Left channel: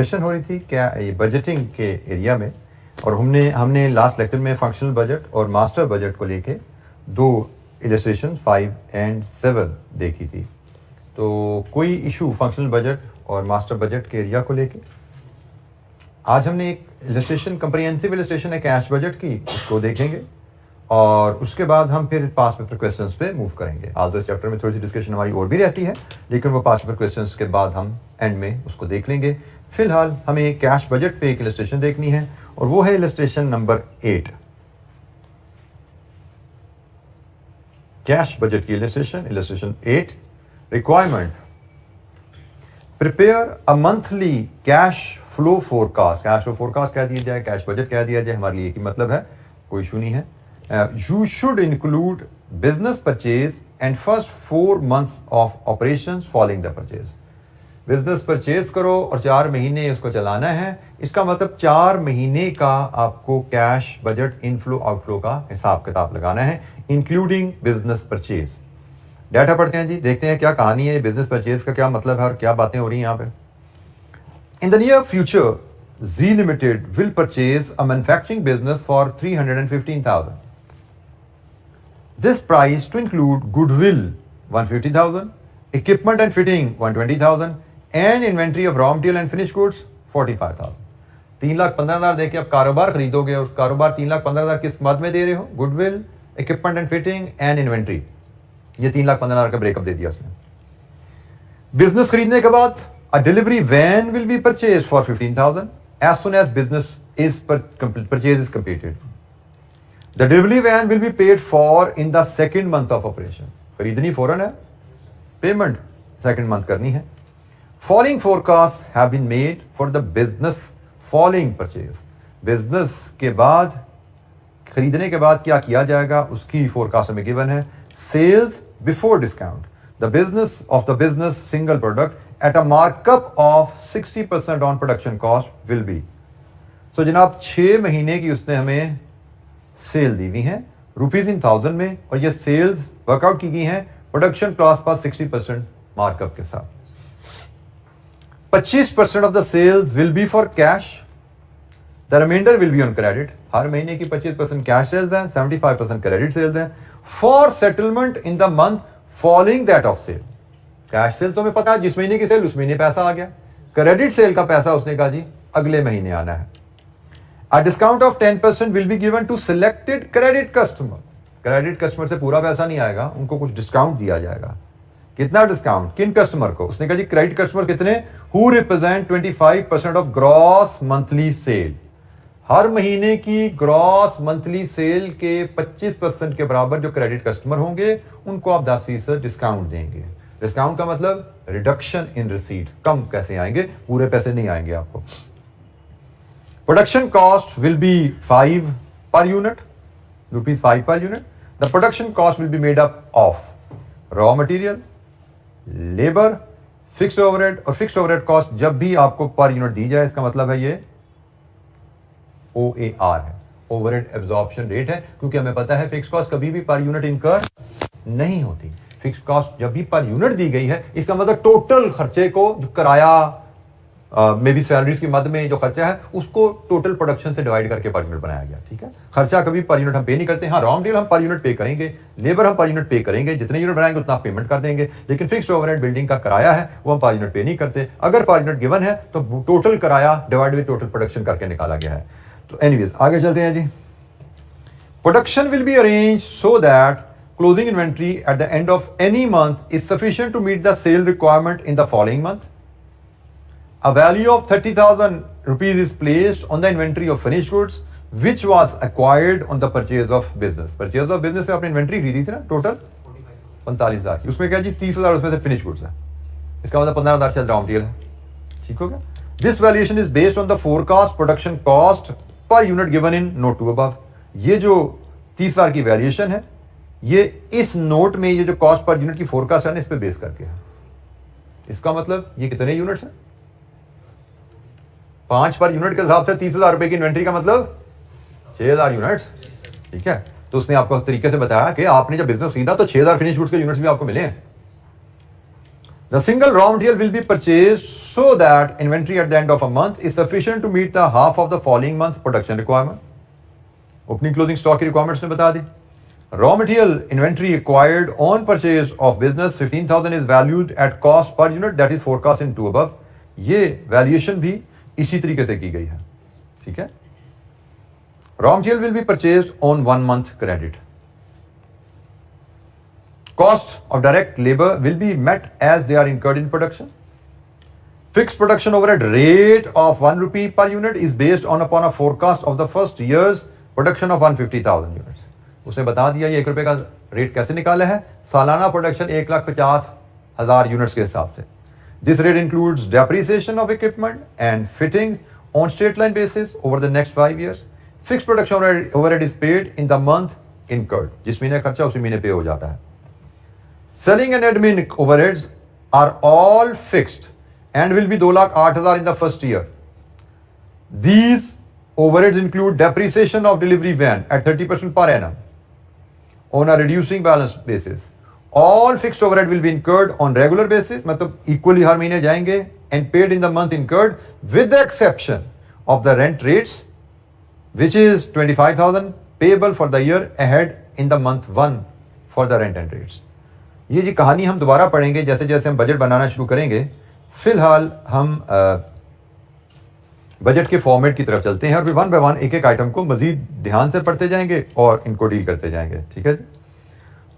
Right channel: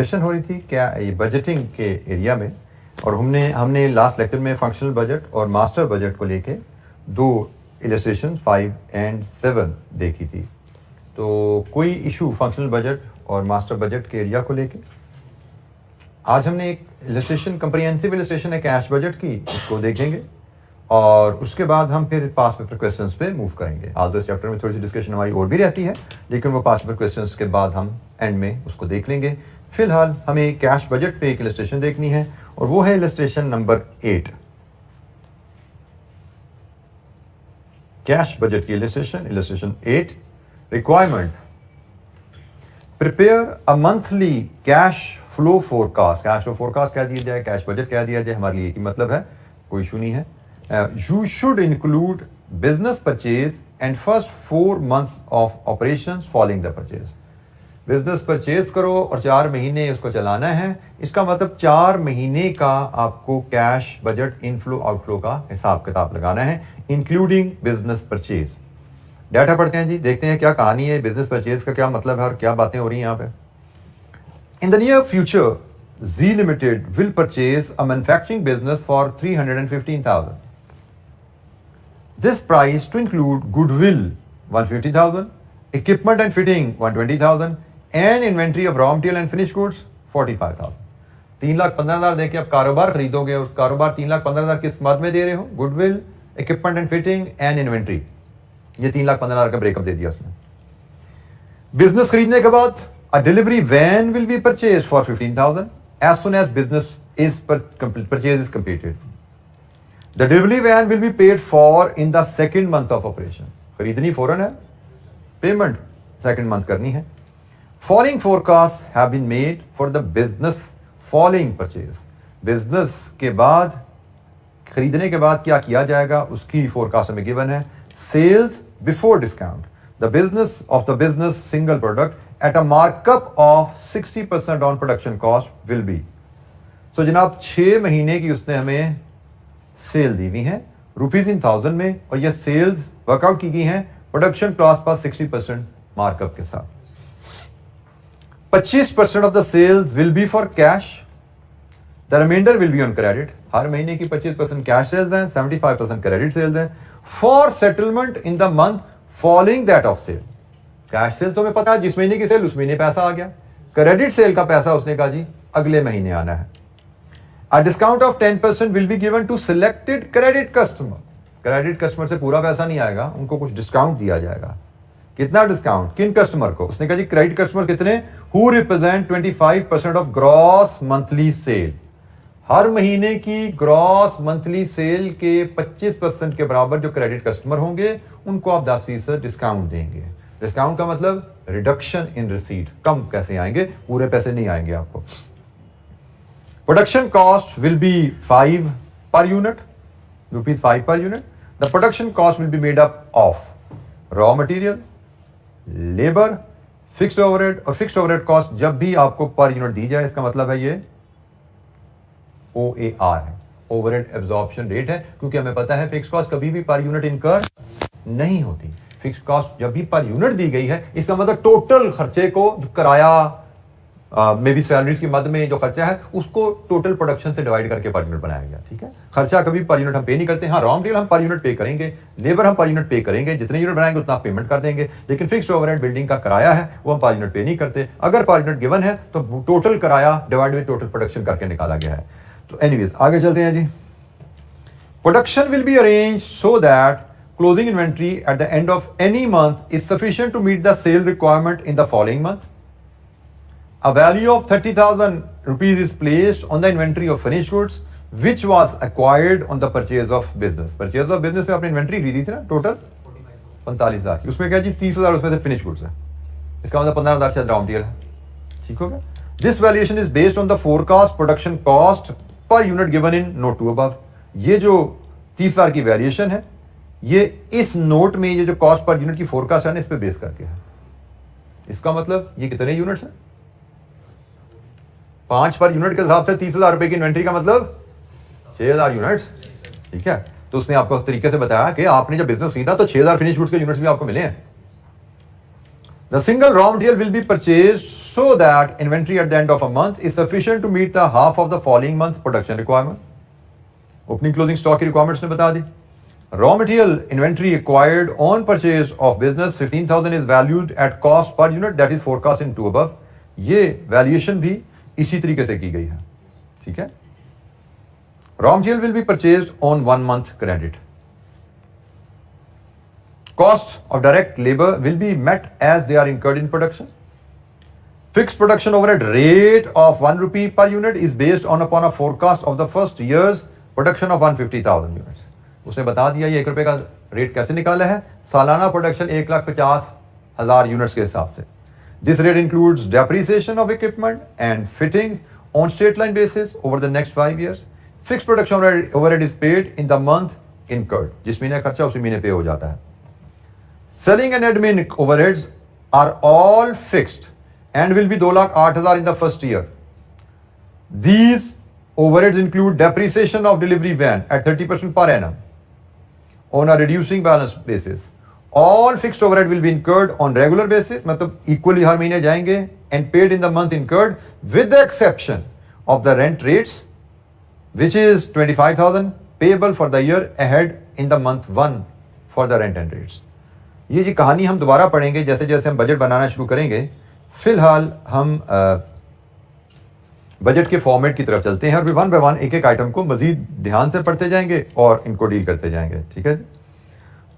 Discussion हो रही थी क्या ये बजटिंग के एरिया में, और हमने लास्ट लेक्चर में फंक्शनल बजट और मास्टर बजट को लेके दो इलस्ट्रेशन 5 और 7 देखी थी। तो कोई इशू फंक्शनल बजट और मास्टर बजट के एरिया को लेके? आज हमने एक इलस्ट्रेशन, कंप्रिहेंसिव इलस्ट्रेशन है कैश बजट की, उसको देखेंगे और उसके बाद हम फिर पास पेपर क्वेश्चंस पे मूव करेंगे। आज इस चैप्टर में थोड़ी सी डिस्कशन हमारी और भी रहती है, लेकिन वो पास पेपर क्वेश्चंस के बाद हम एंड में उसको देख लेंगे। फिलहाल हमें कैश बजट पे एक इलस्ट्रेशन देखनी है और वो है इलस्ट्रेशन नंबर 8। कैश बजट की illustration 8। Requirement: prepare a monthly cash flow forecast. Cash flow forecast कह दिया जाए, कैश बजट कह दिया जाए, हमारे लिए एक ही मतलब है, कोई इशू नहीं है। You should include business purchase and first 4 months of operations following the purchase. Business purchase करो और 4 महीने उसको चलाना है, इसका मतलब 4 महीने का आपको कैश बजट इनफ्लो आउटफ्लो का हिसाब किताब लगाना है, इंक्लूडिंग बिजनेस परचेज। डाटा पढ़ते हैं जी, देखते हैं क्या कहानी है, बिजनेस परचेज का क्या मतलब है और क्या बातें हो रही हैं यहाँ पे। In the near future G limited will purchase a manufacturing business for 315,000. This price to include goodwill 150,000, equipment and fitting 120,000, and inventory of raw material and finished goods 45,000. 3,15,000 देके आप कारोबार खरीदोगे और कारोबार 3,15,000 किस मद में दे रहे हो? Goodwill, equipment and fitting and inventory. ये 3,15,000 का ब्रेकअप दे दिया उसने। बिजनेस खरीदने के बाद a delivery van will be purchased for 15,000 as soon as business is purchase is completed. The delivery van will be paid for in the second month of operation. खरीदनी फौरन है, पेमेंट सेकंड मंथ करनी है। Following forecasts have been made for the business following purchase. Business के बाद, खरीदने के बाद क्या किया जाएगा उसकी फोरकास्ट हमें गिवन है। Sales before discount, the business of the business single product at a markup of 60% on production cost will be. तो जनाब 6 महीने की उसने हमें सेल दी हुई है ₹1000 में, और ये सेल्स वर्कआउट की गई हैं प्रोडक्शन कॉस्ट पर 60% मार्कअप के साथ। 25% off the sales will be for cash, the reminder will be on credit. हर महीने की 25% कैश सेल्स हैं, 75% क्रेडिट सेल्स हैं, for settlement in the month following that of sale. Cash sale तो हमें पता है जिस महीने की सेल उस महीने पैसा आ गया, क्रेडिट सेल का पैसा उसने कहा जी अगले महीने आना है। A discount of 10% will be given to selected credit customer. Credit customer से पूरा पैसा नहीं आएगा, उनको कुछ डिस्काउंट दिया जाएगा। कितना डिस्काउंट? किन कस्टमर को? उसने कहा जी क्रेडिट कस्टमर कितने? Who represent 25% of gross monthly sale. हर महीने की ग्रॉस मंथली सेल के 25% के बराबर जो क्रेडिट कस्टमर होंगे उनको आप 10% डिस्काउंट देंगे। डिस्काउंट का मतलब रिडक्शन इन रिसीट, कम कैसे आएंगे, पूरे पैसे नहीं आएंगे आपको। Production cost will be 5 per unit, ₹5 per unit. The production cost will be made up of raw material, labor, fixed overhead, और fixed overhead cost जब भी आपको पर यूनिट दी जाए इसका मतलब है ये OAR है, overhead absorption rate है, क्योंकि हमें पता है फिक्स कॉस्ट कभी भी पर यूनिट इनकर नहीं होती। फिक्स कॉस्ट जब भी पर यूनिट दी गई है इसका मतलब टोटल खर्चे को, जो किराया मे बी सैलरीज की मद में जो खर्चा है उसको टोटल प्रोडक्शन से डिवाइड करके पर यूनिट बनाया गया। ठीक है, खर्चा कभी पर यूनिट हम पे नहीं करते। हाँ, रॉ मटेरियल हम पर यूनिट पे करेंगे, लेबर हम पर यूनिट पे करेंगे, जितने यूनिट बनाएंगे उतना पेमेंट कर देंगे, लेकिन फिक्स्ड ओवरहेड बिल्डिंग का किराया है वो हम पर यूनिट पे नहीं करते। अगर पर यूनिट गिवन है तो टोटल किराया डिवाइड बाय टोटल प्रोडक्शन करके निकाला गया है। तो एनीवेज आगे चलते हैं जी। Production will be arrange so that closing inventory at the end of any month is sufficient to meet the sale requirement in the following month. A value of 30,000 rupees is placed on the inventory of finished goods which was acquired on the purchase of business. Purchase of business में आपने inventory खरीदी थी ना, total 45,000 की, उसमें क्या जी 30,000 उसमें से फिनिश गुड्स है, इसका मतलब 15,000 शायद रॉ मटेरियल है। ठीक हो गया। This valuation is based on the forecast production cost per unit given in note 2 above. ये जो 30,000 की वैल्यूएशन है ये इस नोट में ये जो कॉस्ट पर यूनिट की फोरकास्ट है ना इस पे बेस करके है। इसका मतलब ये कितने यूनिट्स हैं? 5 पर यूनिट के हिसाब से 30,000 रुपए की इन्वेंट्री का मतलब 6,000 यूनिट्स। ठीक है, तो उसने आपको तरीके से बताया कि आपने जब बिजनेस खरीदा तो 6,000 फिनिश गुड्स के यूनिट्स भी आपको मिले हैं। The single raw material will be purchased so that inventory at the end of a month is sufficient to meet the half of the following month's production requirement. Opening closing stock की requirements ने बता दी. Raw material inventory acquired on purchase of business 15,000 is valued at cost per unit that is forecast in 2 above. ये valuation भी इसी तरीके से की गई है. ठीक है. Raw material will be purchased on 1 month credit. Costs of direct labor will be met as they are incurred in production. Fixed production overhead rate of 1 rupee per unit is based upon a forecast of the first year's production of 150,000 units. उसने बता दिया ये 1 रुपए का rate कैसे निकाला है. सालाना प्रोडक्शन 1,50,000 यूनिट्स के हिसाब से. This rate includes depreciation of equipment and fittings on straight line basis over the next 5 years. Fixed production overhead is paid in the month incurred. जिस महीने खर्चा उसी महीने पे हो जाता है. Selling and admin overheads are all fixed and will be 2,08,000 in the first year. These overheads include depreciation of delivery van at 30% per annum on a reducing balance basis. All fixed overhead will be incurred on regular basis, मतलब equally हर महीने जाएंगे and paid in the month incurred with the exception of the rent rates, which is 25,000 payable for the year ahead in the month 1 for the rent and rates. ये जी कहानी हम दोबारा पढ़ेंगे जैसे जैसे हम बजट बनाना शुरू करेंगे. फिलहाल हम बजट के फॉर्मेट की तरफ चलते हैं और फिर 1 बाय 1 एक एक आइटम को मजीद ध्यान से पढ़ते जाएंगे और इनको डील करते जाएंगे. ठीक है.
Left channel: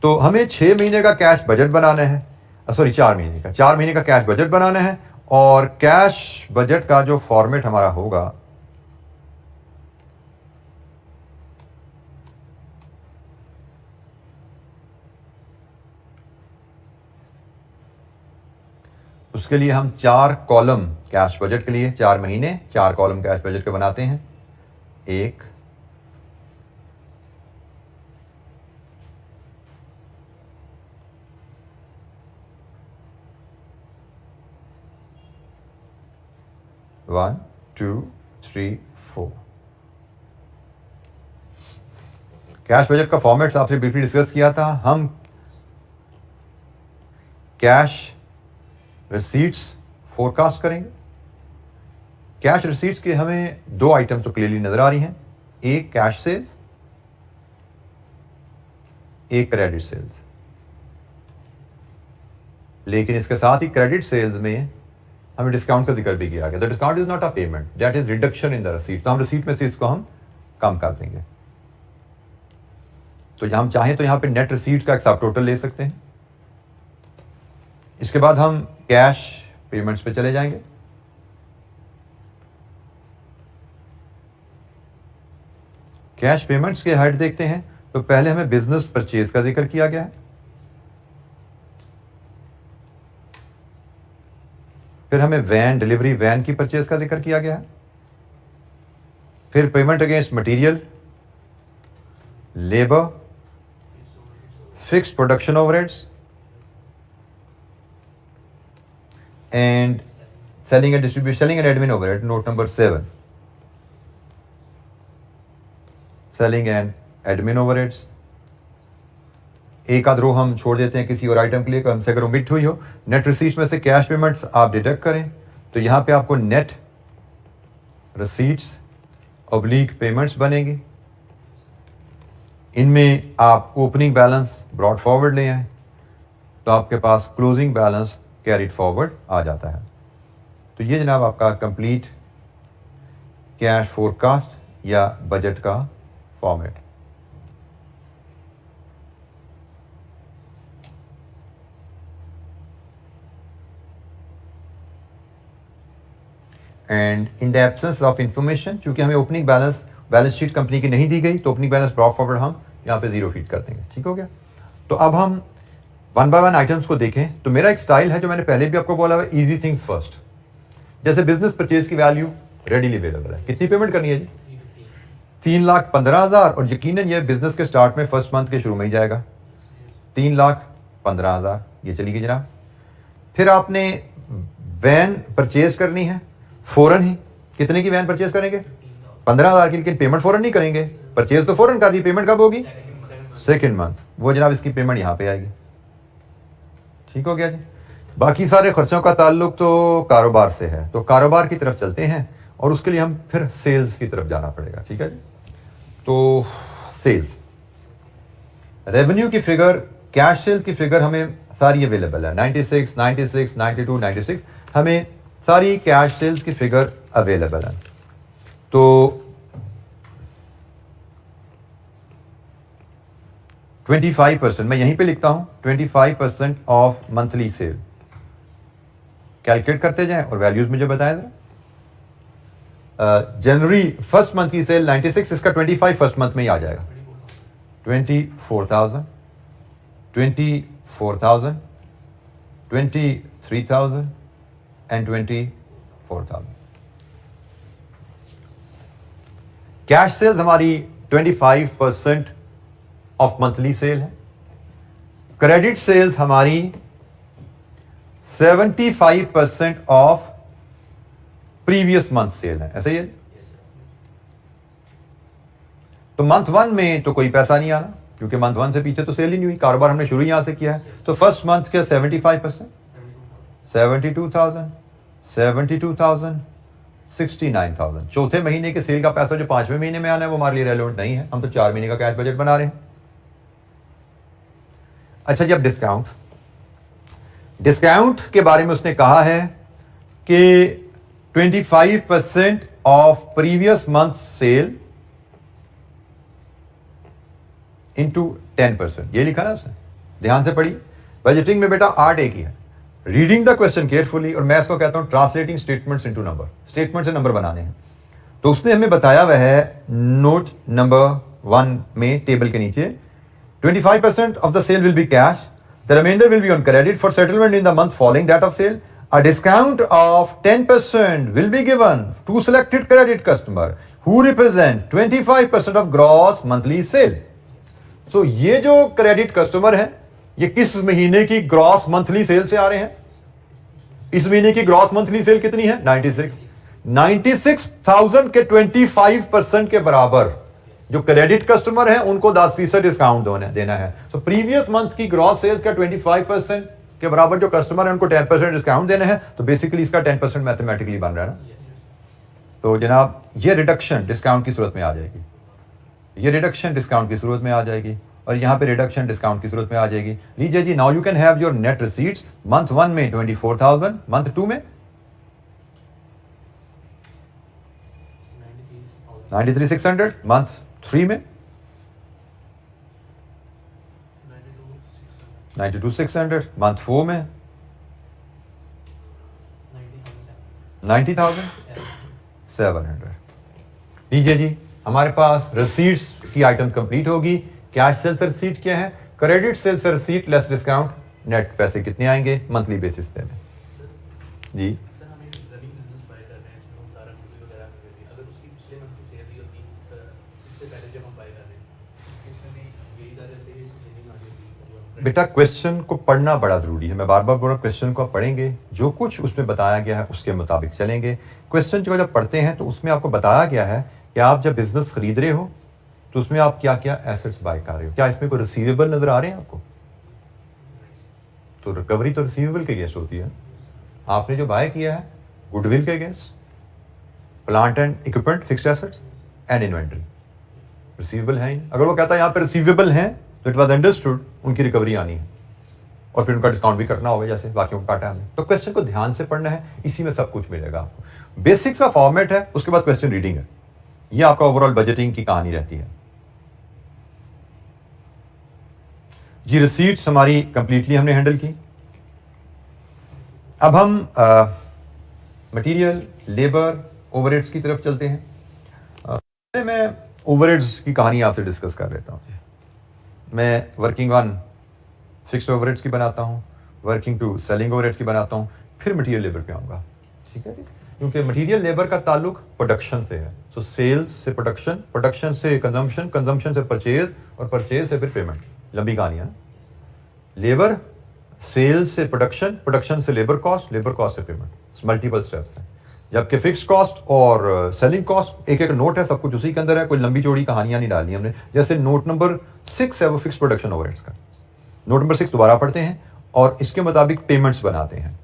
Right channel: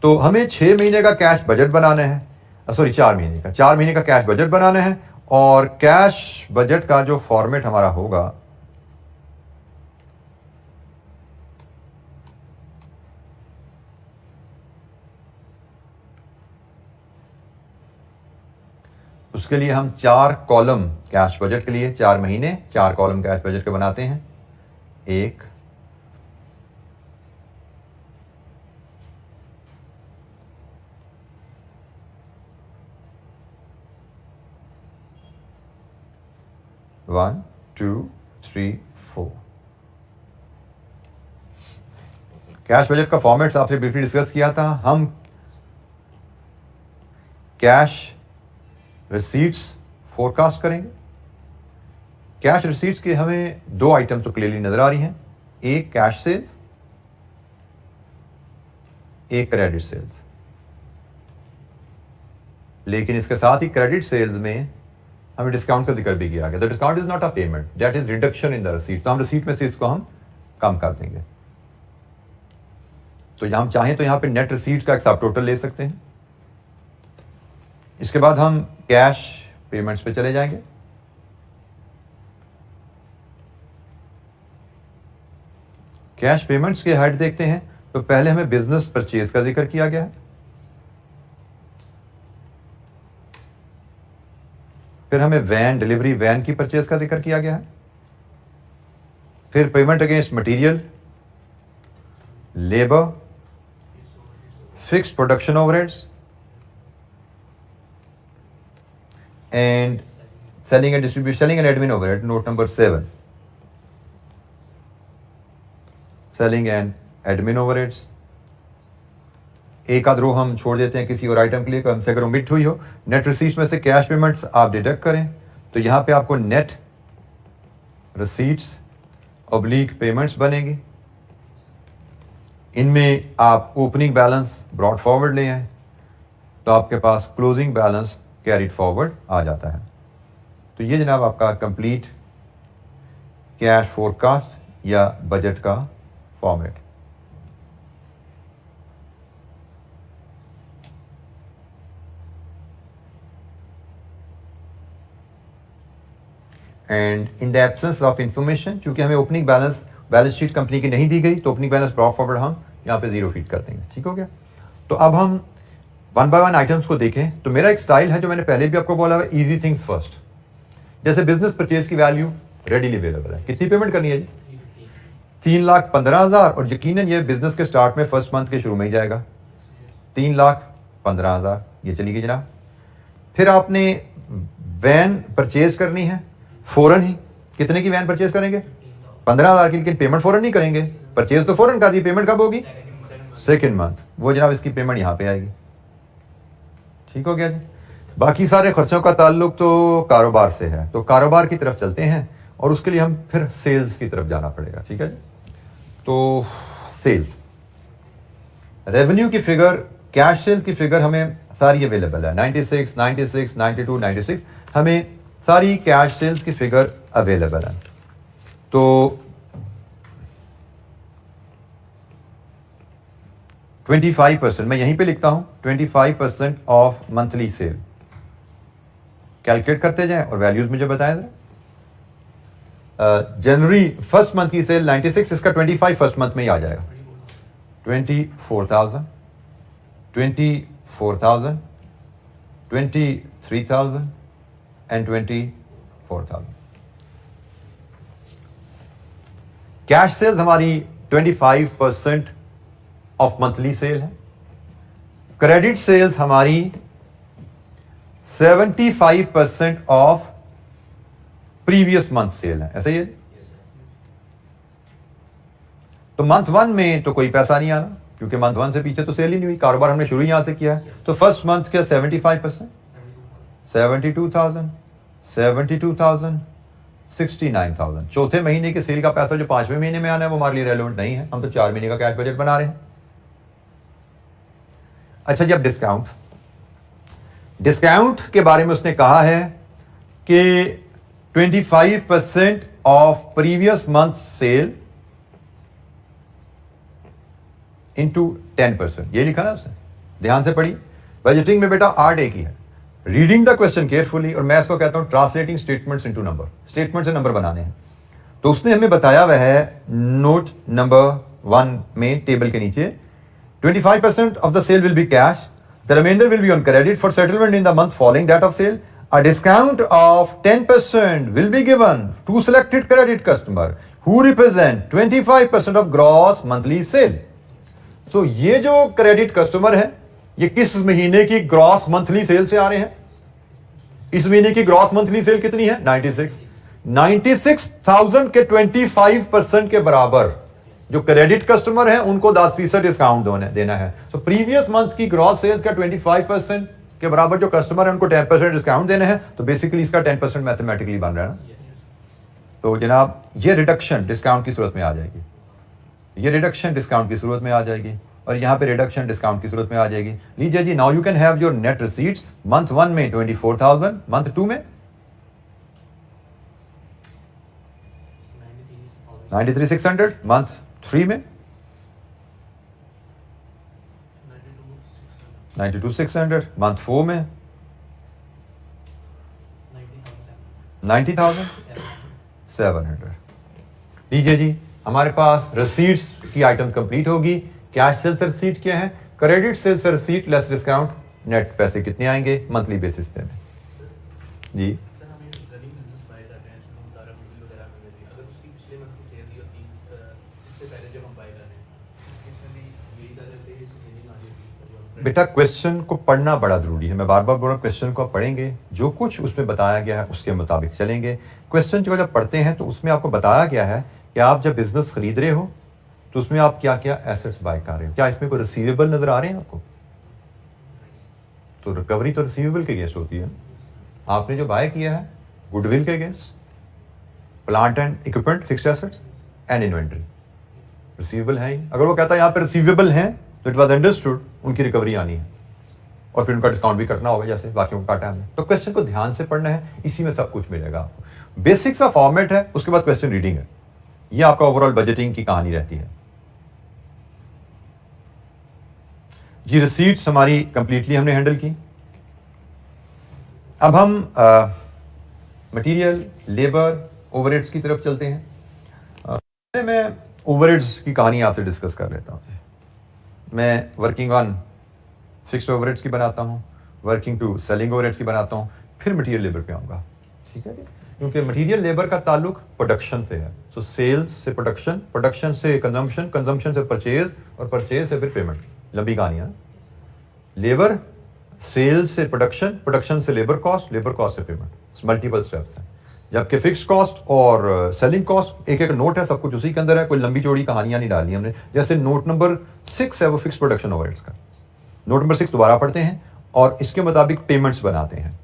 तो हमें 6 महीने का कैश बजट बनाना है. 4 महीने का कैश बजट बनाना है और कैश बजट का जो फॉर्मेट हमारा होगा उसके लिए हम 4 कॉलम कैश बजट के लिए 4 महीने 4 कॉलम कैश बजट के बनाते हैं. 1 1 2 3 4. कैश बजट का फॉर्मेट आपसे ब्रीफली डिस्कस किया था. हम कैश रिसीट्स फोरकास्ट करेंगे. कैश रिसीट्स के हमें 2 आइटम्स तो क्लियरली नजर आ रही हैं. एक कैश सेल्स, एक क्रेडिट सेल्स. लेकिन इसके साथ ही क्रेडिट सेल्स में हमें डिस्काउंट का जिक्र भी किया गया. The discount is not a payment, that is reduction in the receipt. तो हम रिसीट में से इसको हम कम कर देंगे. तो हम चाहें तो यहां पे नेट रिसीट का एक सब टोटल ले सकते हैं. इसके बाद हम कैश पेमेंट्स पे चले जाएंगे. कैश पेमेंट्स के हेड देखते हैं. तो पहले हमें बिजनेस परचेज का जिक्र किया गया है. फिर हमें वैन डिलीवरी वैन की परचेज का जिक्र किया गया है. फिर payment against material, labour, fixed production overheads and selling and admin overhead. Note number 7. Selling and admin overheads. एक आध रो हम छोड़ देते हैं किसी और आइटम के लिए, कम से अगर ओमिट हुई हो. नेट रिसीट्स में से कैश पेमेंट्स आप डिडक्ट करें तो यहां पे आपको नेट रिसीट्स ऑब्लिक पेमेंट्स बनेगी. इनमें आप ओपनिंग बैलेंस ब्रॉड फॉरवर्ड ले आए तो आपके पास क्लोजिंग बैलेंस कैरिड फॉरवर्ड आ जाता है. तो ये जनाब आपका कंप्लीट कैश फोरकास्ट या बजट का format. And in the absence of information, चूंकि हमें ओपनिंग बैलेंस शीट कंपनी की नहीं दी गई तो ओपनिंग बैलेंस ब्रॉड फॉरवर्ड हम यहां पे 0 फीड कर देंगे. ठीक हो गया. तो अब हम 1 बाय 1 आइटम्स को देखें. तो मेरा एक स्टाइल है जो मैंने पहले भी आपको बोला है, इजी थिंग्स फर्स्ट. जैसे बिजनेस परचेज की वैल्यू रेडीली अवेलेबल है. कितनी पेमेंट करनी है जी? 3,15,000. और यकीनन ये बिजनेस के स्टार्ट में फर्स्ट मंथ के शुरू में ही जाएगा. 3,15,000 ये चली गई जनाब. फिर आपने वैन परचेज करनी है फौरन ही. कितने की वैन परचेज करेंगे? 15,000 की. लेकिन पेमेंट फौरन नहीं करेंगे. परचेज तो फौरन कर दी, पेमेंट कब होगी? Second month. वो जनाब इसकी पेमेंट यहां पे आएगी. ठीक हो गया जी. बाकी सारे खर्चों का ताल्लुक तो कारोबार से है, तो कारोबार की तरफ चलते हैं और उसके लिए हम फिर सेल्स की तरफ जाना पड़ेगा। ठीक है, तो सेल्स रेवेन्यू की फिगर, कैश सेल की फिगर हमें सारी अवेलेबल है। 96, 96, 92, 96 हमें सारी कैश सेल्स की फिगर अवेलेबल है। तो 25% मैं यहीं पे लिखता हूं, 25% ऑफ मंथली सेल कैलकुलेट करते जाएं और वैल्यूज मुझे बताएं। जनवरी फर्स्ट मंथ की सेल 96, इसका 25 फर्स्ट मंथ में ही आ जाएगा। 24,000, 24,000, 23,000 एंड 24,000। कैश सेल्स हमारी 25% ऑफ मंथली सेल है। क्रेडिट सेल्स हमारी 75% ऑफ प्रीवियस मंथ सेल है, ऐसा ही है। तो मंथ 1 में तो कोई पैसा नहीं आना, क्योंकि मंथ 1 से पीछे तो सेल ही नहीं हुई, कारोबार हमने शुरू यहां से किया है। तो फर्स्ट मंथ के 75%, 72,000, 72,000, 69,000। चौथे महीने के सेल का पैसा जो 5वें महीने में आना है वो हमारे लिए रेलेवेंट नहीं है, हम तो 4 महीने का कैश बजट बना रहे हैं। अच्छा जी, अब डिस्काउंट के बारे में उसने कहा है कि 25% of previous month sale into 10%, ये लिखा ना उसने, ध्यान से पढ़ी। बजटिंग में बेटा आर्ट एक ही है, रीडिंग द क्वेश्चन केयरफुली, और मैं इसको कहता हूं translating statements into number. Statement से नंबर बनाने हैं। तो उसने हमें बताया वह है नोट नंबर 1 में टेबल के नीचे 25% of the sale will be cash. The remainder will be on credit for settlement in the month following that of sale. A discount of 10% will be given to selected credit customer who represent 25% of gross monthly sale. तो ये जो credit customer है, ये किस महीने की gross monthly cell से आ रहे हैं? इस महीने की ग्रॉस मंथली सेल कितनी है? 96। 96,000 के 25% के बराबर जो क्रेडिट कस्टमर है उनको 10% डिस्काउंट देना है। तो प्रीवियस मंथ की ग्रॉस सेल्स का 25% के बराबर जो कस्टमर है उनको 10% डिस्काउंट देना है। तो बेसिकली इसका 10% मैथमेटिकली बन रहा है ना। तो जनाब ये रिडक्शन डिस्काउंट की सूरत में आ जाएगी, ये रिडक्शन डिस्काउंट की सूरत में आ जाएगी, और यहां पे रिडक्शन डिस्काउंट की सूरत में आ जाएगी। लीजिए जी, now you can have your net receipts. Month 1 में 24,000, मंथ 2 में 93,600, मंथ 3 में 92,600, मंथ 4 में 90,700। लीजिए जी, हमारे पास रसीट्स की आइटम कंप्लीट होगी। कैश सेल्स रसीट क्या है? Credit sales receipt less discount, net पैसे कितने आएंगे मंथली बेसिस पे जी? बेटा क्वेश्चन को पढ़ना बड़ा जरूरी है। मैं बार बार बोल रहा हूं, क्वेश्चन को आप पढ़ेंगे, जो कुछ उसमें बताया गया है उसके मुताबिक चलेंगे। क्वेश्चन जो जब पढ़ते हैं तो उसमें आपको बताया गया है कि आप जब बिजनेस खरीद रहे हो तो उसमें आप क्या क्या एसेट्स बाय कर रहे हो। क्या इसमें कोई रिसीवेबल नजर आ रहे हैं आपको? तो रिकवरी तो रिसीवेबल के अगेंस्ट होती है। आपने जो बाय किया है गुडविल के against, plant and equipment, fixed assets and inventory, receivable है ही। अगर वो कहता है यहाँ पे रिसीवेबल है तो इट वॉज अंडरस्टूड उनकी रिकवरी आनी है और फिर उनका डिस्काउंट भी करना होगा जैसे बाकी को काटा हमने। तो क्वेश्चन को ध्यान से पढ़ना है, इसी में सब कुछ मिलेगा आपको। बेसिक्स का फॉर्मेट है, उसके बाद क्वेश्चन रीडिंग है। ये आपका ओवरऑल बजटिंग की कहानी रहती है जी। रिसीट्स हमारी कंप्लीटली हमने हैंडल की। अब हम मटेरियल, लेबर, ओवरहेड्स की तरफ चलते हैं। मैं ओवरहेड्स की कहानी आपसे डिस्कस कर लेता हूं। मैं वर्किंग ऑन फिक्स्ड ओवरहेड्स की बनाता हूं, वर्किंग टू सेलिंग ओवरहेड्स की बनाता हूं, फिर मटेरियल लेबर पे आऊंगा। ठीक है, क्योंकि मटेरियल लेबर का ताल्लुक प्रोडक्शन से है। सो सेल्स से प्रोडक्शन, प्रोडक्शन से कंजम्पशन, कंजम्पशन से परचेज, और परचेज से फिर पेमेंट। लंबी कहानी है। लेबर, सेल्स से प्रोडक्शन, प्रोडक्शन से लेबर कॉस्ट, लेबर कॉस्ट से पेमेंट, मल्टीपल स्टेप्स हैं। जबकि फिक्स्ड कॉस्ट और सेलिंग कॉस्ट एक एक नोट है, सब कुछ उसी के अंदर है, कोई लंबी चौड़ी कहानियां नहीं डाली हमने। जैसे नोट नंबर 6 है वो फिक्स्ड प्रोडक्शन ओवरहेड्स का। नोट नंबर 6 दोबारा पढ़ते हैं। और इसके मुताबिक पेमेंट्स बनाते हैं।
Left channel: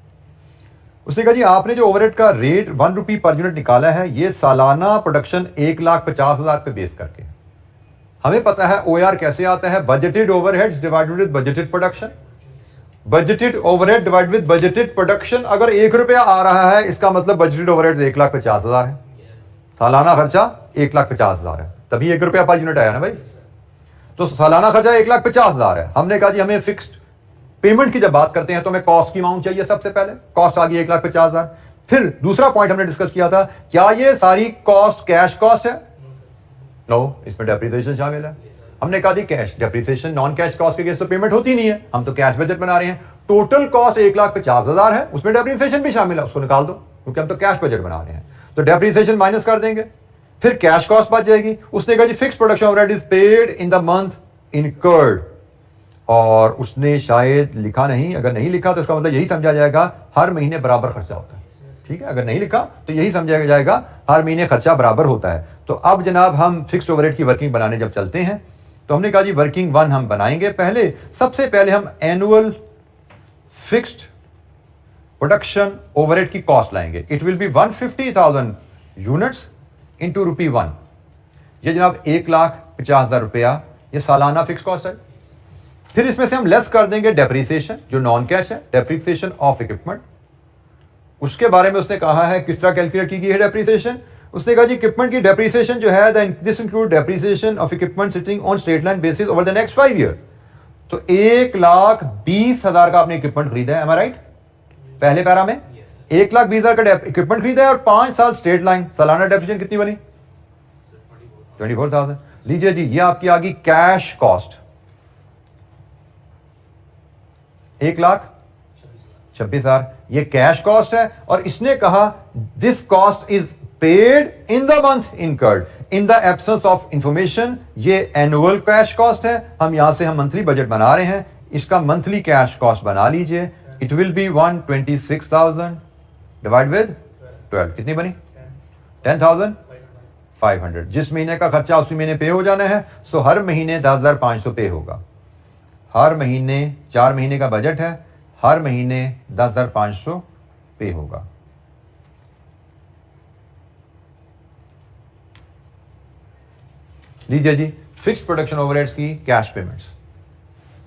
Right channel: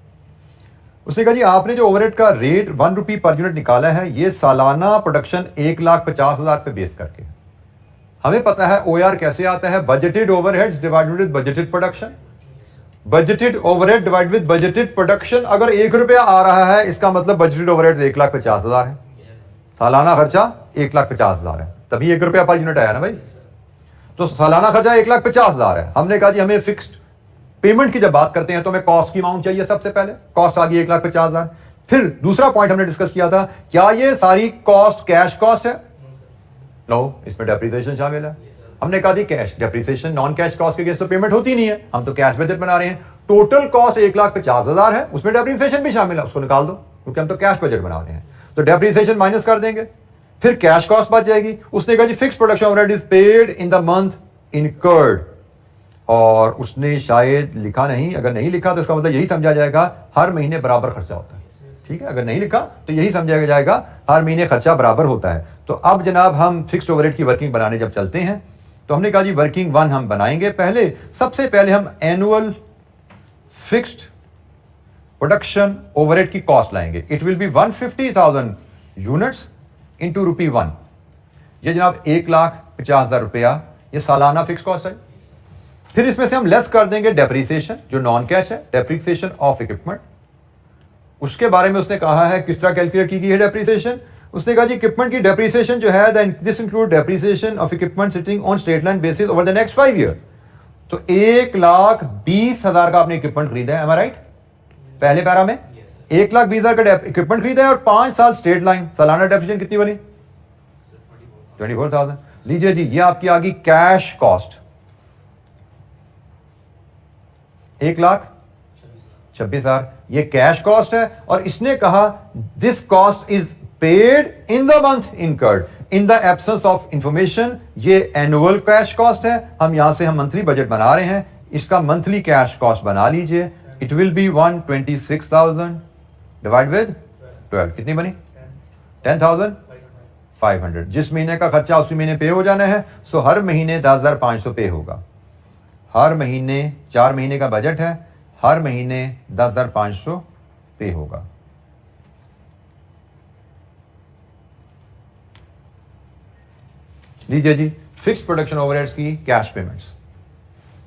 उसने कहा जी आपने जो ओवरहेड का रेट 1 रुपी पर यूनिट निकाला है ये सालाना प्रोडक्शन 1,50,000 पे बेस करके है। हमें पता है OR कैसे आता है, budgeted overheads divided with budgeted production. Budgeted overhead divide with budgeted production, अगर 1 रुपया आ रहा है इसका मतलब बजटेड ओवरहेड 1,50,000 है, सालाना खर्चा 1,50,000 है, तभी 1 रुपया पर यूनिट आया ना भाई। तो सालाना खर्चा 1,50,000 है। हमने कहा जी हमें फिक्स्ड पेमेंट की जब बात करते हैं तो हमें कॉस्ट की अमाउंट चाहिए। सबसे पहले कॉस्ट आ गई 1,50,000। फिर दूसरा पॉइंट हमने डिस्कस किया था, क्या ये सारी कॉस्ट कैश कॉस्ट है? नो, इसमें डेप्रिसिएशन शामिल है। हमने कहा थी cash depreciation non cash cost के अगेंस्ट तो पेमेंट होती नहीं है, हम तो कैश बजट बना रहे हैं। टोटल कॉस्ट 1,50,000 है, उसमें डेप्रिसिएशन भी शामिल है, उसको निकाल दो क्योंकि हम तो कैश बजट बना रहे हैं। तो डेप्रिसिएशन माइनस कर देंगे, फिर कैश कॉस्ट बच जाएगी। उसने कहा जी fix production overhead is paid in the month incurred, और उसने शायद लिखा नहीं, अगर नहीं लिखा तो इसका मतलब यही समझा जाएगा हर महीने बराबर खर्चा होता है। ठीक है, अगर नहीं लिखा तो यही समझा जाएगा हर महीने खर्चा बराबर होता है। तो अब जनाब हम फिक्स्ड ओवरहेड की वर्किंग बनाने जब चलते हैं तो हमने कहा जी वर्किंग 1 हम बनाएंगे। पहले सबसे पहले हम एनुअल फिक्स्ड प्रोडक्शन ओवरहेड की कॉस्ट लाएंगे। It will be 150,000 units into ₹1। ये जनाब 1,50,000 रुपया ये सालाना फिक्स कॉस्ट है। फिर इसमें से हम लेस कर देंगे डेप्रिसिएशन जो नॉन कैश है, डेप्रिसिएशन ऑफ इक्विपमेंट। उसके बारे में उसने कहा है किस तरह कैलकुलेट की गई है डेप्रिसिएशन। उसने कहा जी इक्विपमेंट की डेप्रिसिएशन जो है this include depreciation of equipment sitting on straight line basis over the next 5 year. तो 1,20,000 का आपने इक्विपमेंट खरीदा है, एम आई राइट? पहले पैरा में 1,20,000 का इक्विपमेंट खरीदा है और 5 साल स्ट्रेट लाइन, सालाना डेप्रिसिएशन कितनी बनी? 24,000। लीजिए जी ये आपकी आ गई कैश कॉस्ट 1,26,000, ये कैश कॉस्ट है। और इसने कहा this cost is paid in the month incurred in the absence of information. ये एनुअल कैश कॉस्ट है, हम यहां से हम मंथली बजट बना रहे हैं, इसका मंथली कैश कॉस्ट बना लीजिए। It will be 126,000 divide with 12, कितनी बनी? 10,500। जिस महीने का खर्चा उसी महीने पे हो जाना है। सो हर महीने 10,500 पे होगा। हर महीने 4 महीने का बजट है, हर महीने 10,500 पे होगा। लीजिए जी फिक्स्ड प्रोडक्शन ओवरहेड्स की कैश पेमेंट्स।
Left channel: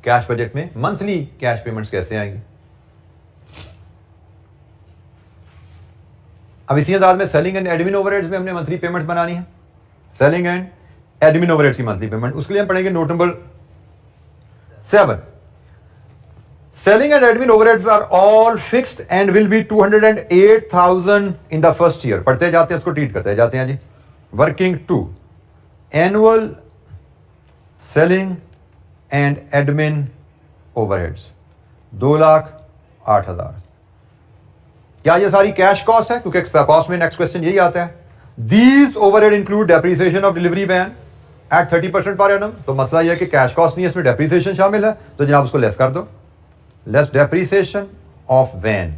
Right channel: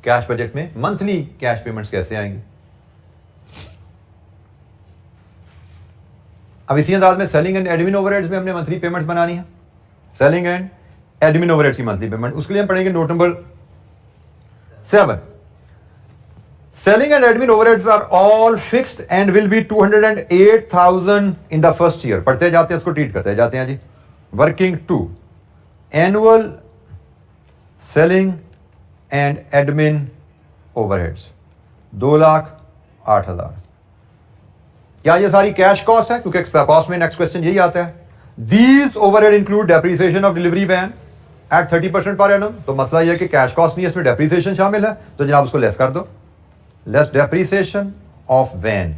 कैश बजट में मंथली कैश पेमेंट्स कैसे आएंगी? अब इसी अंदाज में सेलिंग एंड एडमिन ओवरहेड्स में हमने मंथली पेमेंट्स बनानी है। सेलिंग एंड एडमिन ओवरहेड्स की मंथली पेमेंट, उसके लिए हम पढ़ेंगे note number 7। Selling and admin overheads are all fixed and will be 208,000 in the first year. पढ़ते जाते हैं, इसको ट्रीट करते जाते हैं जी। Working 2, annual selling and admin overheads 2,08,000। क्या ये सारी कैश कॉस्ट है? क्योंकि कॉस्ट में नेक्स्ट क्वेश्चन यही आता है। These overhead include depreciation of delivery van at 30% per annum। तो मसला यह है कि कैश कॉस्ट नहीं है, इसमें डेप्रिसिएशन शामिल है, तो जनाब उसको लेस कर दो। लेस डेप्रिसिएशन ऑफ वैन,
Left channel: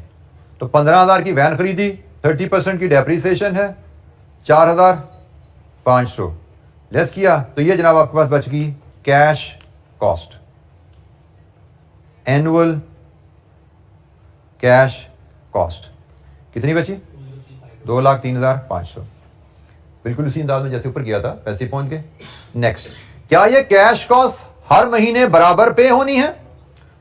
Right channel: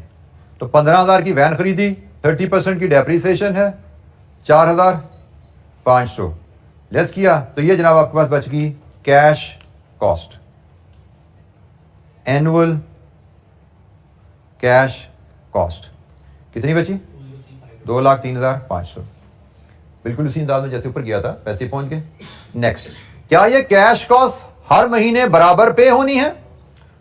तो 15,000 की वैन खरीदी, 30% की डेप्रिसिएशन है, 4,500 लेस किया, तो ये जनाब आपके पास बच गई cash cost, annual cash cost. कितनी बची? 2,03,500। बिल्कुल उसी अंदाज में जैसे ऊपर किया था वैसे पहुंच गए। नेक्स्ट, क्या ये कैश कॉस्ट हर महीने बराबर पे होनी है?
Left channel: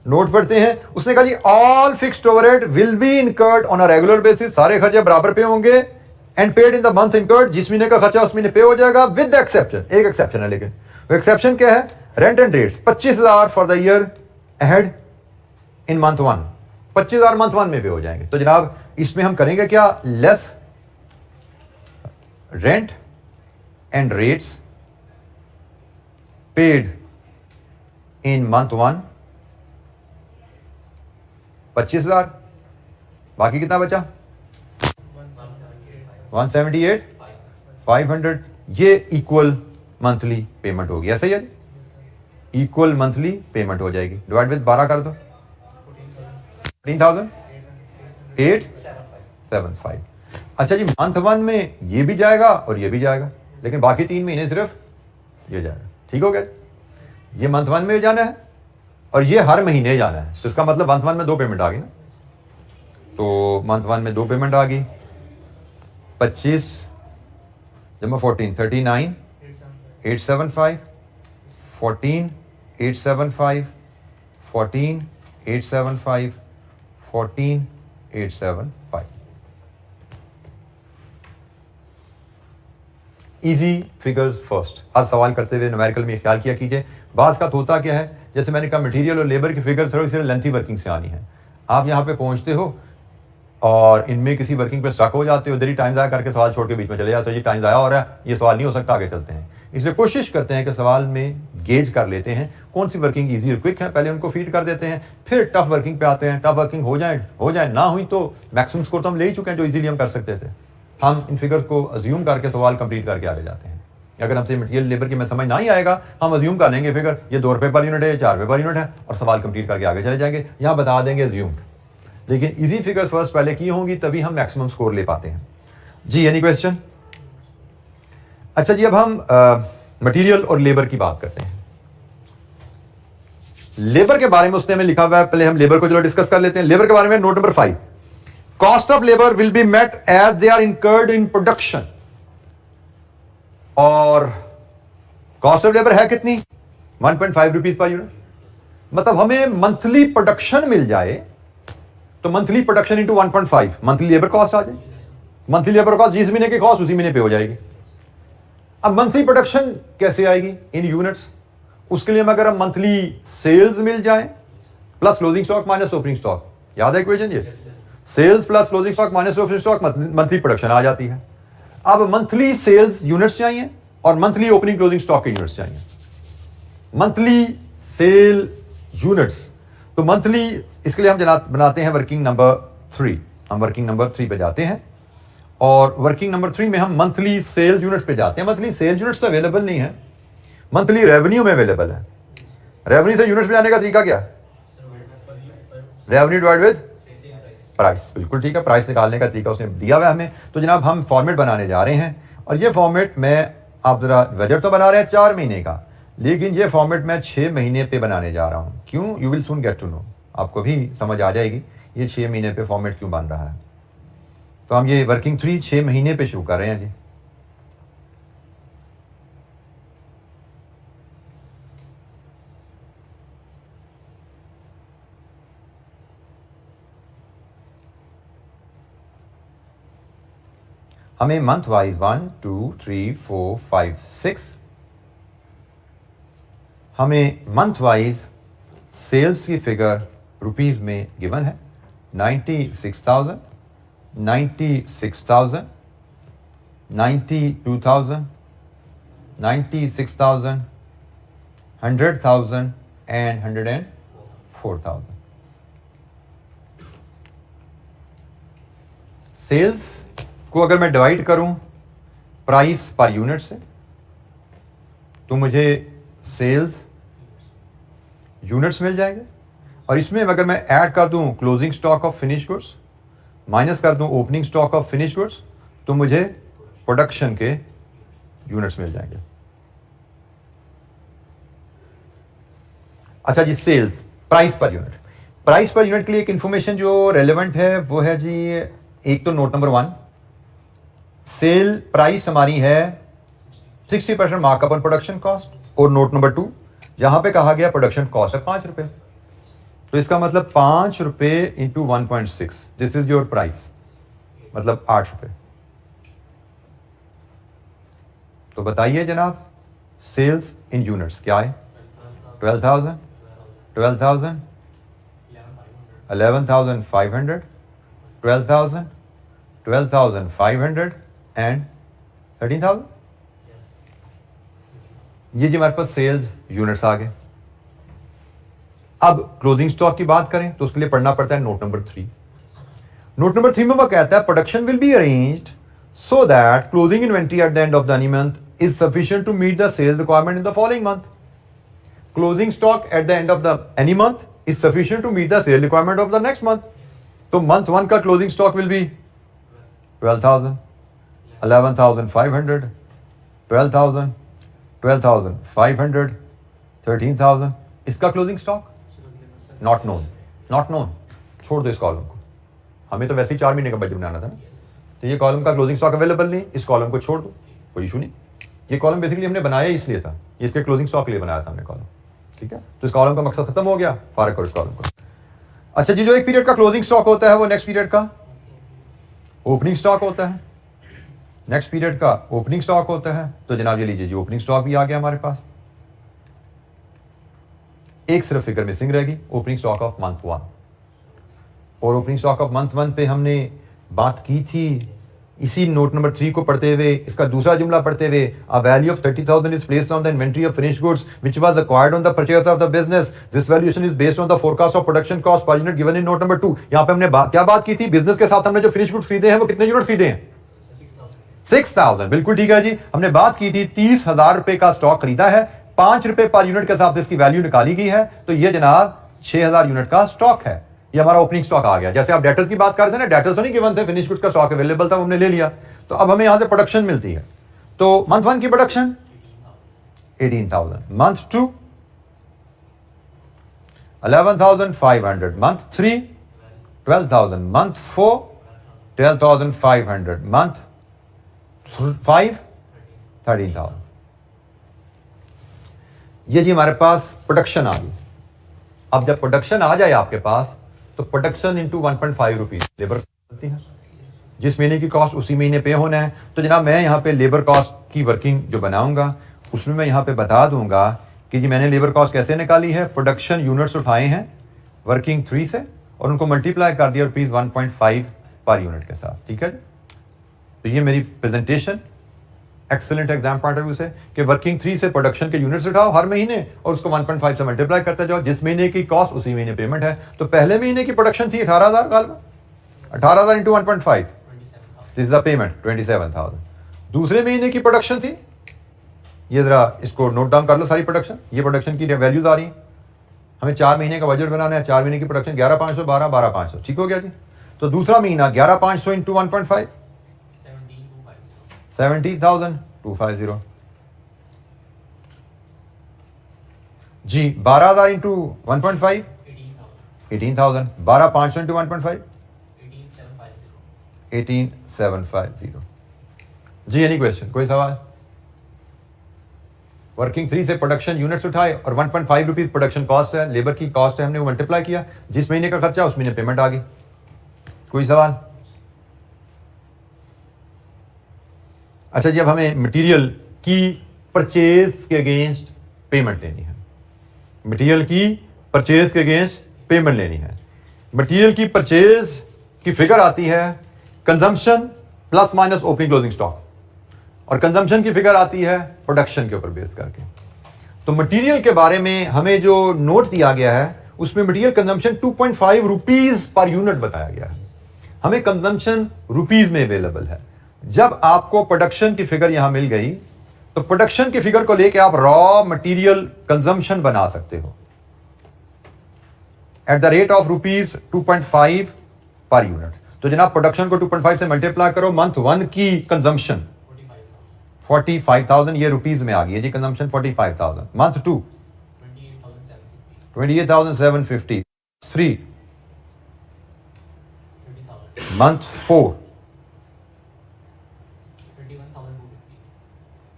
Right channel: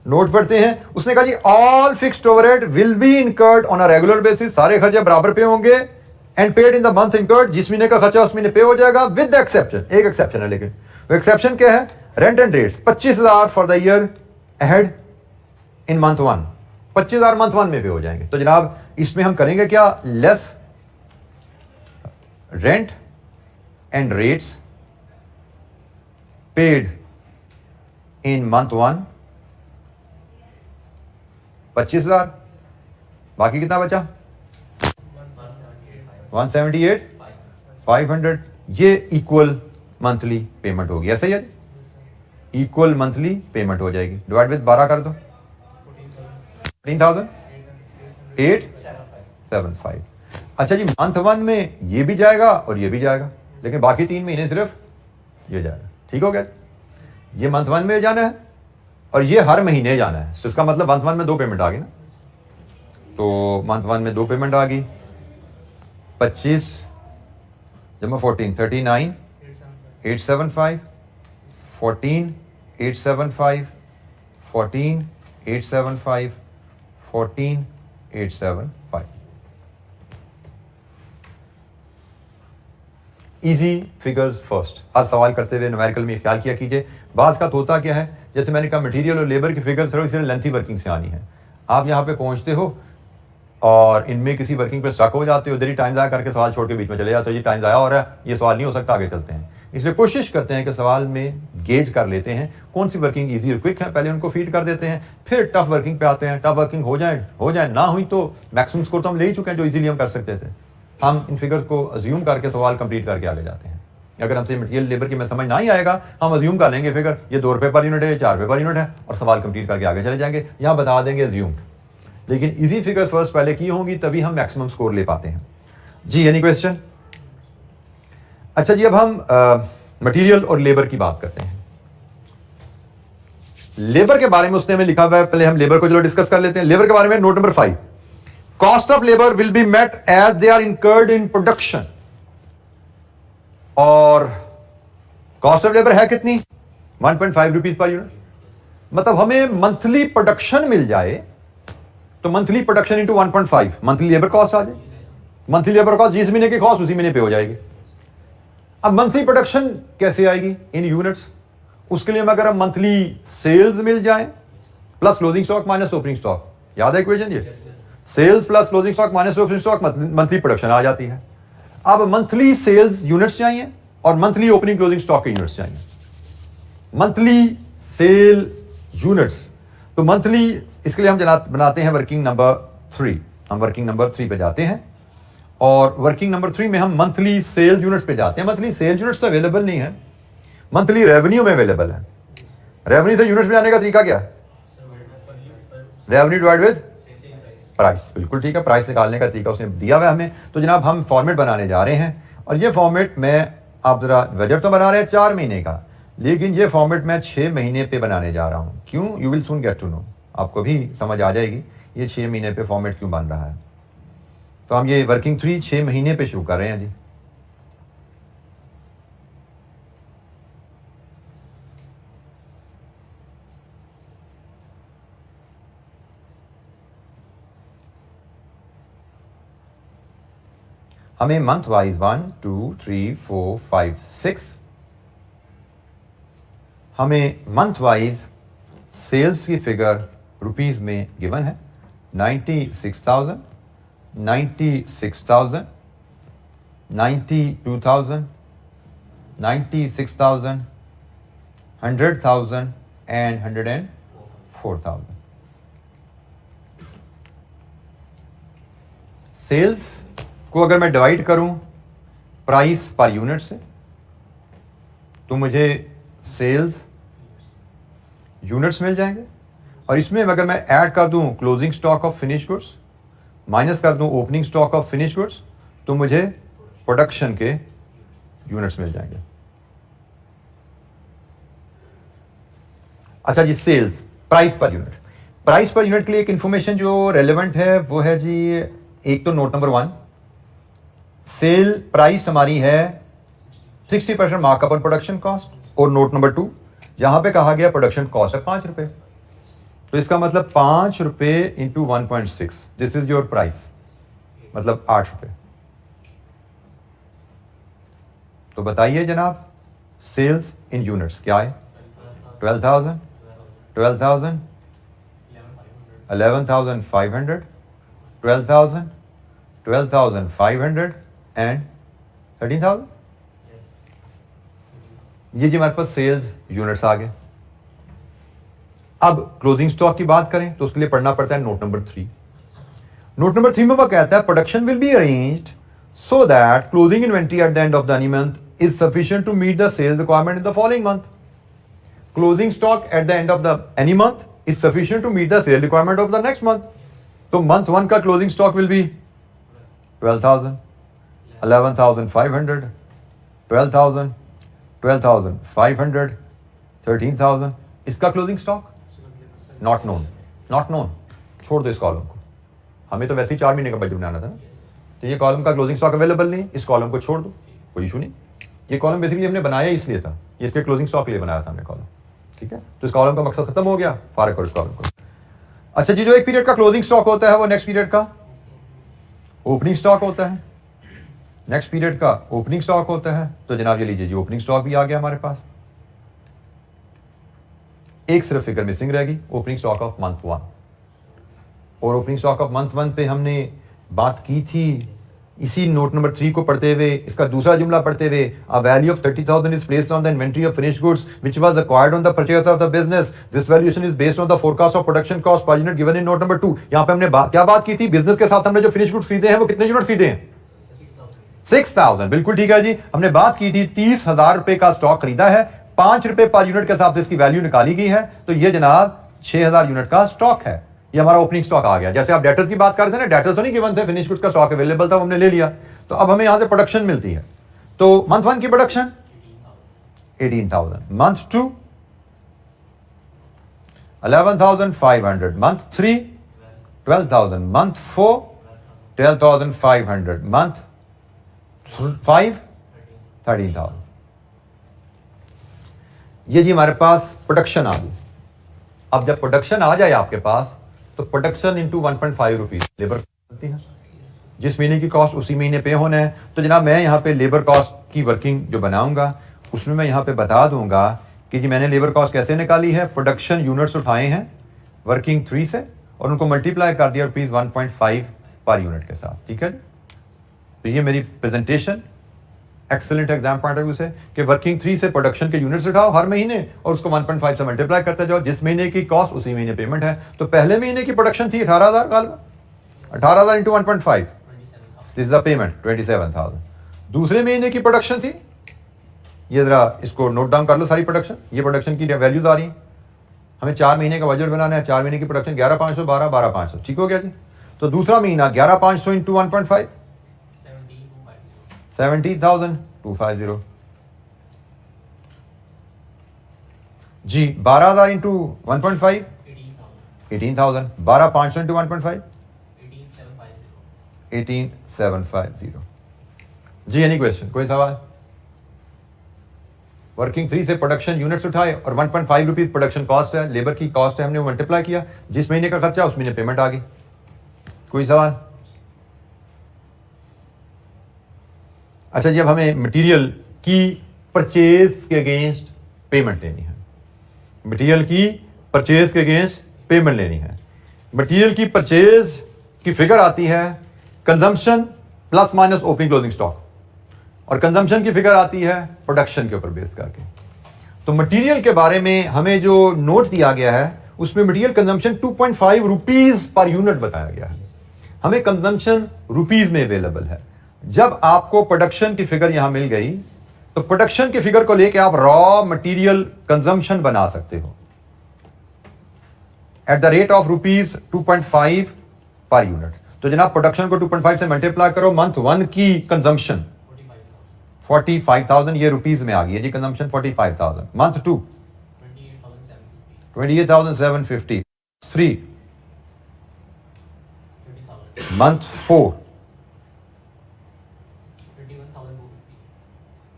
नोट पढ़ते हैं। उसने कहा जी all fixed overhead will be incurred on a regular basis, सारे खर्चे बराबर पे होंगे, and paid in the month incurred, जिस महीने का खर्चा उस महीने पे हो जाएगा, विद द एक्सेप्शन, एक एक्सेप्शन है, लेकिन वो एक्सेप्शन क्या है? Rent and rates 25,000 for the year ahead in month 1, 25,000 month 1 में पे हो जाएंगे। तो जनाब इसमें हम करेंगे क्या? Less rent and rates paid in month 1 25,000, बाकी कितना बचा? 178,500। ये इक्वल मंथली पेमेंट होगी, ऐसा ही है, इक्वल मंथली पेमेंट हो जाएगी। डिवाइड विद 12 कर दो, 14,875। अच्छा जी, मंथ 1 में ये भी जाएगा और ये भी जाएगा, लेकिन बाकी 3 महीने सिर्फ ये जाएगा। ठीक हो गया? ये मंथ 1 में जाना है, और ये हर महीने जाना है, तो इसका मतलब मंथ 1 में 2 पेमेंट आ गई ना, तो मंथ 1 में 2 पेमेंट आ गई, 25 जमा 14 39 875 14 875 14 875 14 875। Easy figures first. हर सवाल करते हुए न्यूमेरिकल में ख्याल किया कीजिए। बाज का होता क्या है, जैसे मैंने कहा मटेरियल और लेबर की फिगर्स थोड़ी सी लेंथी वर्किंग से आनी है। आप यहाँ पे पहुंचते हो और इनमें किसी वर्किंग पे स्टक हो जाते हो, इधर ही टाइम ज़ाया करके सवाल छोड़ के बीच में चले जाते हो, ये टाइम ज़ाया हो रहा है, ये सवाल नहीं हो सकता, आगे चलते हैं। इसलिए कोशिश करते हैं कि सवाल में गेज कर लेते हैं कौन सी वर्किंग ईजी और क्विक है, पहले उनको फीड कर देते हैं, फिर टफ वर्किंग पे आते हैं। टफ वर्किंग हो जाए ना हुई तो मैक्सिमम स्कोर तो हम ले ही चुके हैं जो इजीली हम कर सकते थे। हम इन फिगर्स को अज्यूम करके सवाल कंप्लीट करके आगे जाते हैं। अगर हमसे मटेरियल लेबर की में समझ ना ही आएगा, हम अज्यूम कर लेंगे फिगर ये 2 रुपए पर यूनिट है, 4 रुपए पर यूनिट है, और सवाल कंप्लीट करके आगे चले जाएंगे। यहाँ बता देंगे अज्यूम, लेकिन इजी फिगर्स फर्स्ट पहले की होंगी, तभी हम मैक्सिमम स्कोर ले पाते हैं। जी एनी क्वेश्चन? अच्छा जी, अब हम मटेरियल और लेबर की बात करते हैं। लेबर के बारे में उसने में लिखा हुआ है, पहले हम लेबर को चलो डिस्कस कर लेते हैं। लेबर के बारे में note number 5, cost of labour will be met as they are incurred in production. और कॉस्ट ऑफ लेबर है कितनी? 1.5 रुपीज पर यूनिट। मतलब हमें मंथली प्रोडक्शन मिल जाए तो monthly production into 1.5 monthly labour cost आ जाए। मंथली लेबर कॉस्ट जिस महीने की कॉस्ट उसी महीने पे हो जाएगी। अब मंथली प्रोडक्शन कैसे आएगी इन यूनिट्स? उसके लिए अगर हम मंथली सेल्स मिल जाए plus closing stock minus opening stock, याद है इक्वेशन ये? Sales plus closing stock minus opening stock, monthly production आ जाती है। अब मंथली सेल्स यूनिट्स चाहिए और मंथली ओपनिंग क्लोजिंग स्टॉक के यूनिट्स चाहिए। मंथली सेल यूनिट्स, तो मंथली, इसके लिए हम बनाते हैं वर्किंग नंबर 3। हम वर्किंग नंबर 3 पे जाते हैं और वर्किंग नंबर 3 में हम मंथली सेल यूनिट्स पे जाते हैं। मंथली सेल यूनिट्स तो अवेलेबल नहीं है, मंथली रेवेन्यू में अवेलेबल है। रेवेन्यू से यूनिट्स पे जाने का तरीका क्या है? Revenue divide with price. बिल्कुल ठीक है, प्राइस निकालने का तरीका उसने दिया हुआ है हमें। तो जनाब हम फॉर्मेट बनाने जा रहे हैं और ये फॉर्मेट में आप जरा बजट तो बना रहे हैं 4 महीने का, लेकिन ये फॉर्मेट मैं 6 महीने पे बनाने जा रहा हूं। क्यों? You will soon get to know, आपको भी समझ आ जाएगी ये 6 महीने पे फॉर्मेट क्यों बन रहा है। तो हम ये वर्किंग 3 6 महीने पे शुरू कर रहे हैं जी। हमें मंथ वाइज 1 2 3 4 5 6 हमें मंथ वाइज सेल्स की फिगर रुपीस में गिवन है 96,000, 96,000, 92,000, 96,000, 100,000 and 104,000। सेल्स को अगर मैं डिवाइड करूं प्राइस पर यूनिट से तो मुझे सेल्स यूनिट्स मिल जाएंगे, और इसमें अगर मैं ऐड कर दूं closing stock of finish goods minus कर दूं opening stock of finish goods तो मुझे प्रोडक्शन के यूनिट्स मिल जाएंगे। अच्छा जी, sales price per unit. Price per unit के लिए एक इंफॉर्मेशन जो रेलेवेंट है वो है जी, एक तो नोट नंबर 1, सेल प्राइस हमारी है 60% मार्कअप ऑन प्रोडक्शन कॉस्ट, और नोट नंबर 2 जहां पे कहा गया प्रोडक्शन कॉस्ट है 5 रुपए, तो इसका मतलब 5 रुपए into 1.6, this is your price, मतलब 8 रुपए। तो बताइए जनाब, सेल्स इन यूनिट्स क्या है? 12,000, 12,000, 11,500, 12,000, 12,500 एंड 13,000। ये जी हमारे पास सेल्स यूनिट्स आ गए। अब क्लोजिंग स्टॉक की बात करें तो उसके लिए पढ़ना पड़ता है नोट नंबर 3। नोट नंबर 3 में वो कहता है production will be arranged so that closing inventory at the end of the any month is sufficient to meet the sales requirement in the following month. Closing stock at the end of the any month is sufficient to meet the sale requirement of the next month. तो month 1 का closing stock will be 12,000, 11,500, 12,000, 12,500, 13,000 इसका closing stock. Not known, not known, छोड़ दो इस column को, हमें तो वैसे ही 4 महीने का बजट बनाना था ना, तो ये कॉलम का क्लोजिंग स्टॉक अवेलेबल नहीं, इस कॉलम को छोड़ दो, कोई इशू नहीं। ये कॉलम बेसिकली हमने बनाया इसलिए था, ये इसके क्लोजिंग स्टॉक के लिए बनाया था हमने कॉलम, ठीक है। तो इस कॉलम का मकसद खत्म हो गया, फारग करो इस कॉलम को। अच्छा जी, जो एक पीरियड का क्लोजिंग स्टॉक होता है वो नेक्स्ट पीरियड का ओपनिंग स्टॉक होता है, नेक्स्ट पीरियड का ओपनिंग स्टॉक होता है। तो जनाब ये लीजिए जी, ओपनिंग स्टॉक भी आ गया हमारे पास, एक सिर्फ फिगर मिसिंग रहेगी, ओपनिंग स्टॉक ऑफ मंथ 1। और ओपनिंग स्टॉक ऑफ मंथ 1 पे हमने बात की थी इसी नोट नंबर 3 को पढ़ते हुए, इसका दूसरा जुमला पढ़ते हुए, a value of 30,000 is placed on the inventory of finished goods which was acquired on the purchase of the business, this valuation is based on the forecast of production cost per unit given in note number 2। यहां पे हमने क्या बात की थी, business के साथ हमने जो फिनिश्ड गुड्स खरीदे हैं वो कितने यूनिट खरीदे हैं, 6,000, बिल्कुल ठीक है जी। हमने बात की थी 30,000 रुपए का स्टॉक खरीदा है, 5 रुपए पर यूनिट के हिसाब से इसकी वैल्यू निकाली गई है, तो ये जनाब 6,000 यूनिट का स्टॉक है, ये हमारा ओपनिंग स्टॉक आ गया। जैसे आप डेटर्स की बात कर रहे थे ना, डेटर्स तो नहीं गिवन थे, फिनिश गुड्स का स्टॉक अवेलेबल था, हमने ले लिया, तो अब हमें यहां से प्रोडक्शन मिलती है। तो मंथ 1 की production 18,000, month 2 11,500, month 3 12,000, month 4 12,500, month 5 13,000। ये जी हमारे पास प्रोडक्शन आ गई। अब जब प्रोडक्शन आ जाए आपके पास, तो प्रोडक्शन इंटू 1.5 रुपीज लेबर करती है, जिस महीने की कॉस्ट उसी महीने पे होना है। तो जनाब मैं यहाँ पे लेबर कॉस्ट की वर्किंग जो बनाऊंगा उसमें मैं यहाँ पे बता दूंगा कि जी मैंने लेबर कॉस्ट कैसे निकाली है, प्रोडक्शन यूनिट्स उठाए हैं वर्किंग 3 से और उनको मल्टीप्लाई कर दिया रुपीज 1.5 पर यूनिट के साथ, ठीक है। तो ये मेरी presentation excellent exam point of view से कि वर्किंग 3 से प्रोडक्शन के यूनिट्स उठाओ हर महीने और उसको 1.5 से मल्टीप्लाई करते जाओ, जिस महीने की कॉस्ट उसी महीने पेमेंट है। तो पहले महीने की प्रोडक्शन थी 18,000, काल 18,000 into 1.5, this is the payment 27,000। दूसरे महीने की प्रोडक्शन थी, ये जरा इसको नोट डाउन कर लो सारी प्रोडक्शन, ये प्रोडक्शन की वैल्यूज आ रही है। हमें 4 महीने का बजट बनाना है, 4 महीने की प्रोडक्शन 11,500 12 12,500, ठीक हो गया जी। तो दूसरा महीना 11,500 इंटू 1.5 17,250 जी। 12,000 इंटू 1.5 18,000, 12,500 इंटू 1.5 18,750 जी। एनी क्वेश्चन, कोई सवाल? वर्किंग 3 से प्रोडक्शन यूनिट्स उठाए और 1.5 रुपीज प्रोडक्शन कॉस्ट है, लेबर की कॉस्ट है, हमने वो मल्टीप्लाई किया, जिस महीने का खर्चा उस महीने पेमेंट आ गई। कोई सवाल? अच्छा जी, अब हमें मटेरियल की परचेज के अगेंस्ट पेमेंट लेनी है, मटेरियल की परचेज के अगेंस्ट पेमेंट लेनी है। मटेरियल की परचेज की फिगर आती है consumption plus minus opening closing stock, और कंजम्पशन की फिगर आती है प्रोडक्शन के ऊपर बेस करके। तो मटेरियल के बारे में हमें जो नोट दिया गया है उसमें material consumption 2.5 rupees per unit बताया गया है, हमें कंजम्पशन रुपीज में अवेलेबल है। जब आपको प्रोडक्शन की फिगर यहां मिल गई तो प्रोडक्शन की फिगर को लेकर आप रॉ मटेरियल कंजम्पशन बना सकते हो at the rate of rupees 2.5 per unit. तो जनाब प्रोडक्शन को 2.5 से मल्टीप्लाई करो, मंथ 1 की कंजम्पशन 45,000, ये रुपीज में आ गई है जी कंजम्पशन 45,000। मंथ 2 28,750, 3 मंथ 4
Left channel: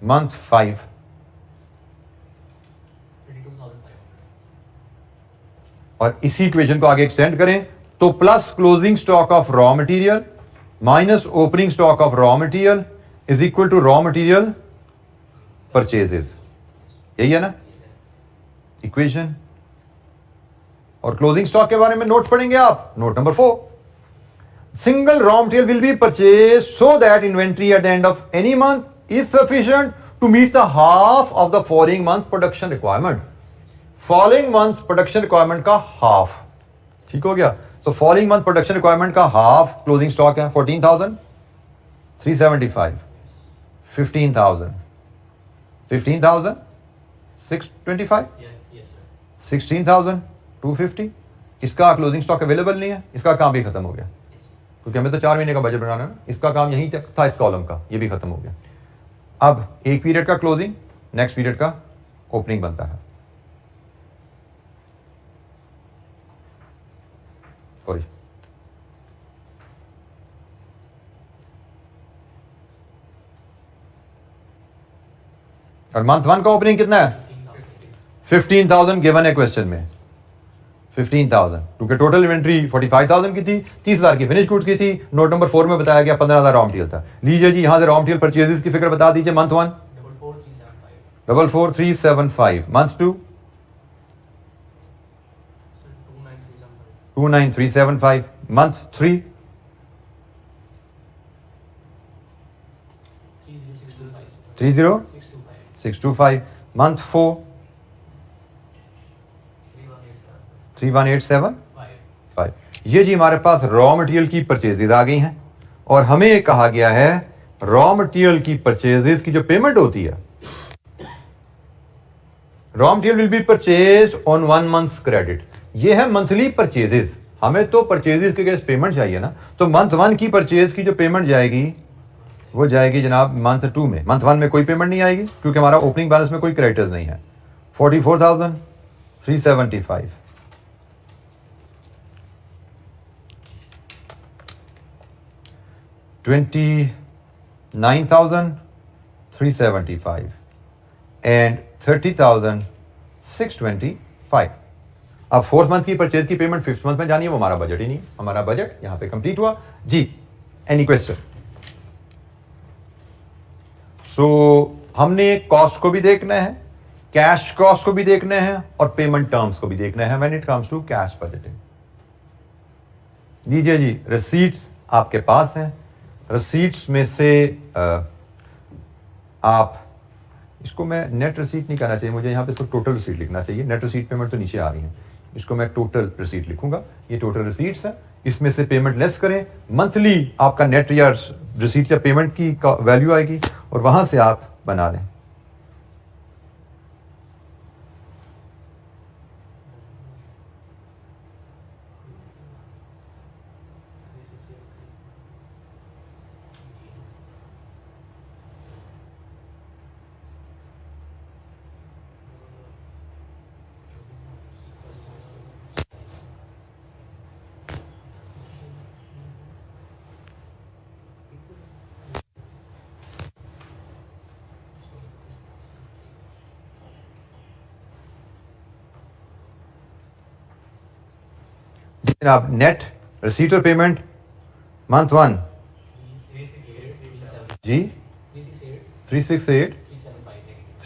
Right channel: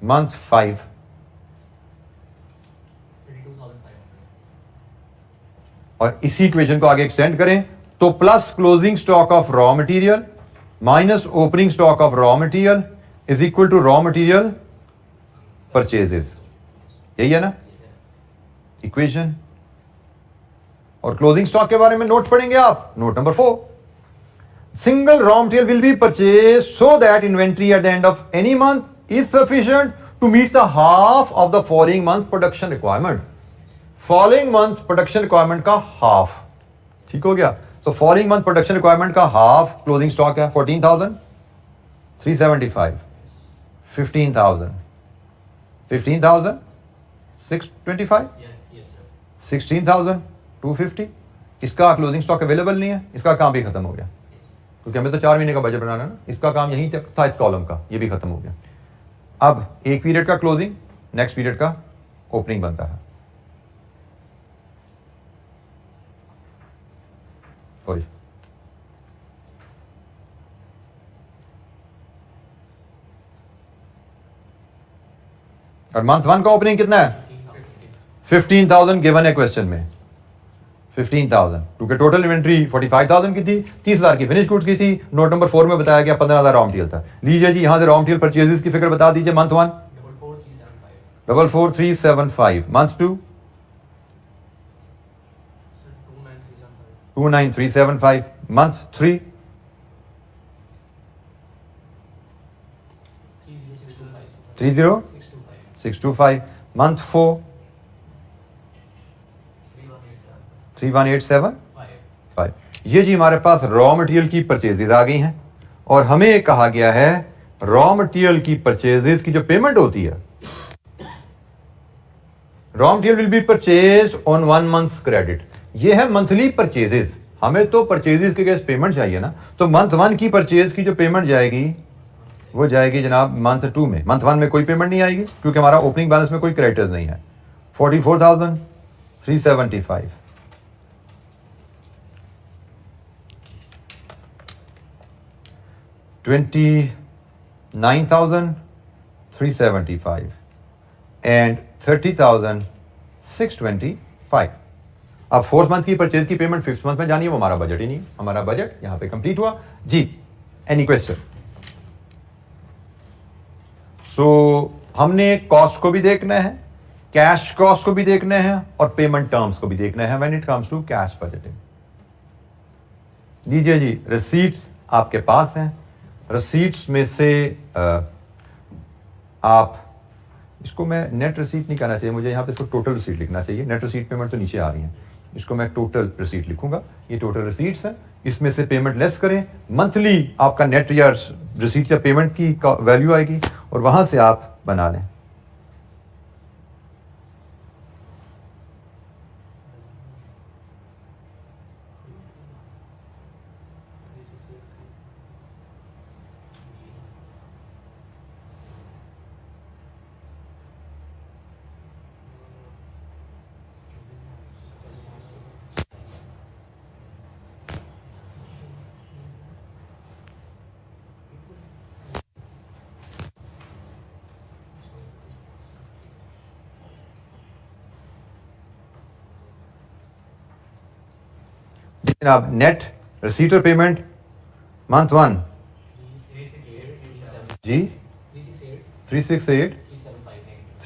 मंथ 5 और इसी इक्वेशन को आगे एक्सटेंड करें तो plus closing stock of raw material minus opening stock of raw material is equal to raw material purchases, यही है ना इक्वेशन। और क्लोजिंग स्टॉक के बारे में नोट पढ़ेंगे आप, note number 4, single raw material will be purchase so that inventory at the end of any month is sufficient to meet the half of the following month production requirement. Following month production requirement का half, ठीक हो गया। तो following month production requirement का half closing stock है 14,375, 15,000, 15,625, 16,250। इसका closing stock available नहीं है, इसका काम भी खत्म हो गया क्योंकि हमें तो 4 महीने का बजट बनाना है ना, इसका काम यहीं तक था, इस कॉलम का, ये भी खत्म हो गया। अब एक पीरियड का क्लोजिंग, नेक्स्ट पीरियड का ओपनिंग बनता है। सॉरी, और मंथ 1 का ओपनिंग कितना है? 15,000 गिवन है क्वेश्चन में, 15,000, क्योंकि टोटल इन्वेंट्री 45,000 की थी, 30,000 की फिनिश गुड्स की थी। नोट नंबर 4 में बताया गया 15,000 रॉ मटेरियल था। लीजिए जी, यहां से रॉ मटेरियल परचेजेस की फिगर बता दीजिए। Month 1 44,375, month 2 29,375, month 3 30,625, month 4 31,875। ये जी हमारे पास रॉ मटेरियल की परचेजेस आ गई हैं, और हमें कहा गया है रॉ मटेरियल की परचेजेस की जो पेमेंट होती है, raw material will be purchase on 1 month credit. ये है मंथली परचेजेस। हमें तो परचेजेस के अगेंस्ट पेमेंट चाहिए ना, तो मंथ 1 की परचेज की जो पेमेंट जाएगी वो जाएगी जनाब मंथ 2 में। मंथ 1 में कोई पेमेंट नहीं आएगी क्योंकि हमारा ओपनिंग बैलेंस में कोई क्रेडिटर्स नहीं है। 44,375, 29,375 एंड 30,625। अब 4th मंथ की परचेज की पेमेंट 5th मंथ में जानी है, वो हमारा बजट ही नहीं। हमारा बजट यहां पे कंप्लीट हुआ जी। Any question? सो हमने कॉस्ट को भी देखना है, कैश कॉस्ट को भी देखना है, और पेमेंट टर्म्स को भी देखना है when it comes to cash budgeting. लीजिए जी, रिसीट्स आपके पास हैं। रिसीट्स में से आप इसको, मैं नेट रिसीट नहीं कहना चाहिए मुझे, यहां पे इसको टोटल रिसीट लिखना चाहिए। नेट रिसीट पेमेंट तो नीचे आ रही है, इसको मैं टोटल रिसीट लिखूंगा। ये टोटल रिसीट्स है, इसमें से पेमेंट लेस करें, मंथली आपका नेट या रिसीट या पेमेंट की वैल्यू आएगी, और वहां से आप बना लें। जनाब नेट रिसीट और पेमेंट मंथ 1 जी 368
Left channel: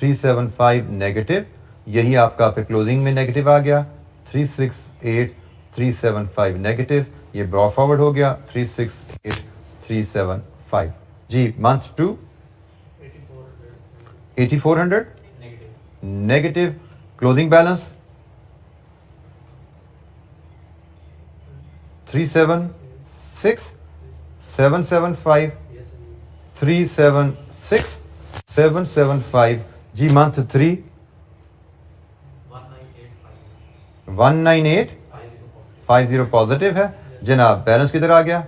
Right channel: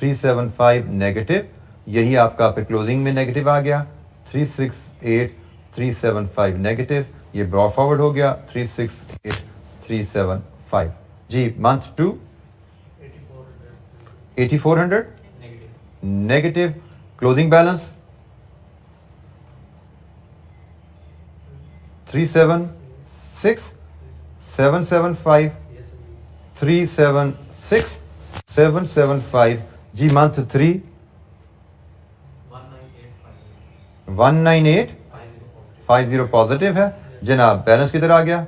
375 नेगेटिव, यही आपका फिर क्लोजिंग में नेगेटिव आ गया। 368 375 नेगेटिव, ये ब्रॉ फॉरवर्ड हो गया 368 375 जी। मंथ 2 8400 नेगेटिव, क्लोजिंग बैलेंस 376 775 376 775 जी। मंथ 3 19850 पॉजिटिव है जनाब। बैलेंस किधर आ गया?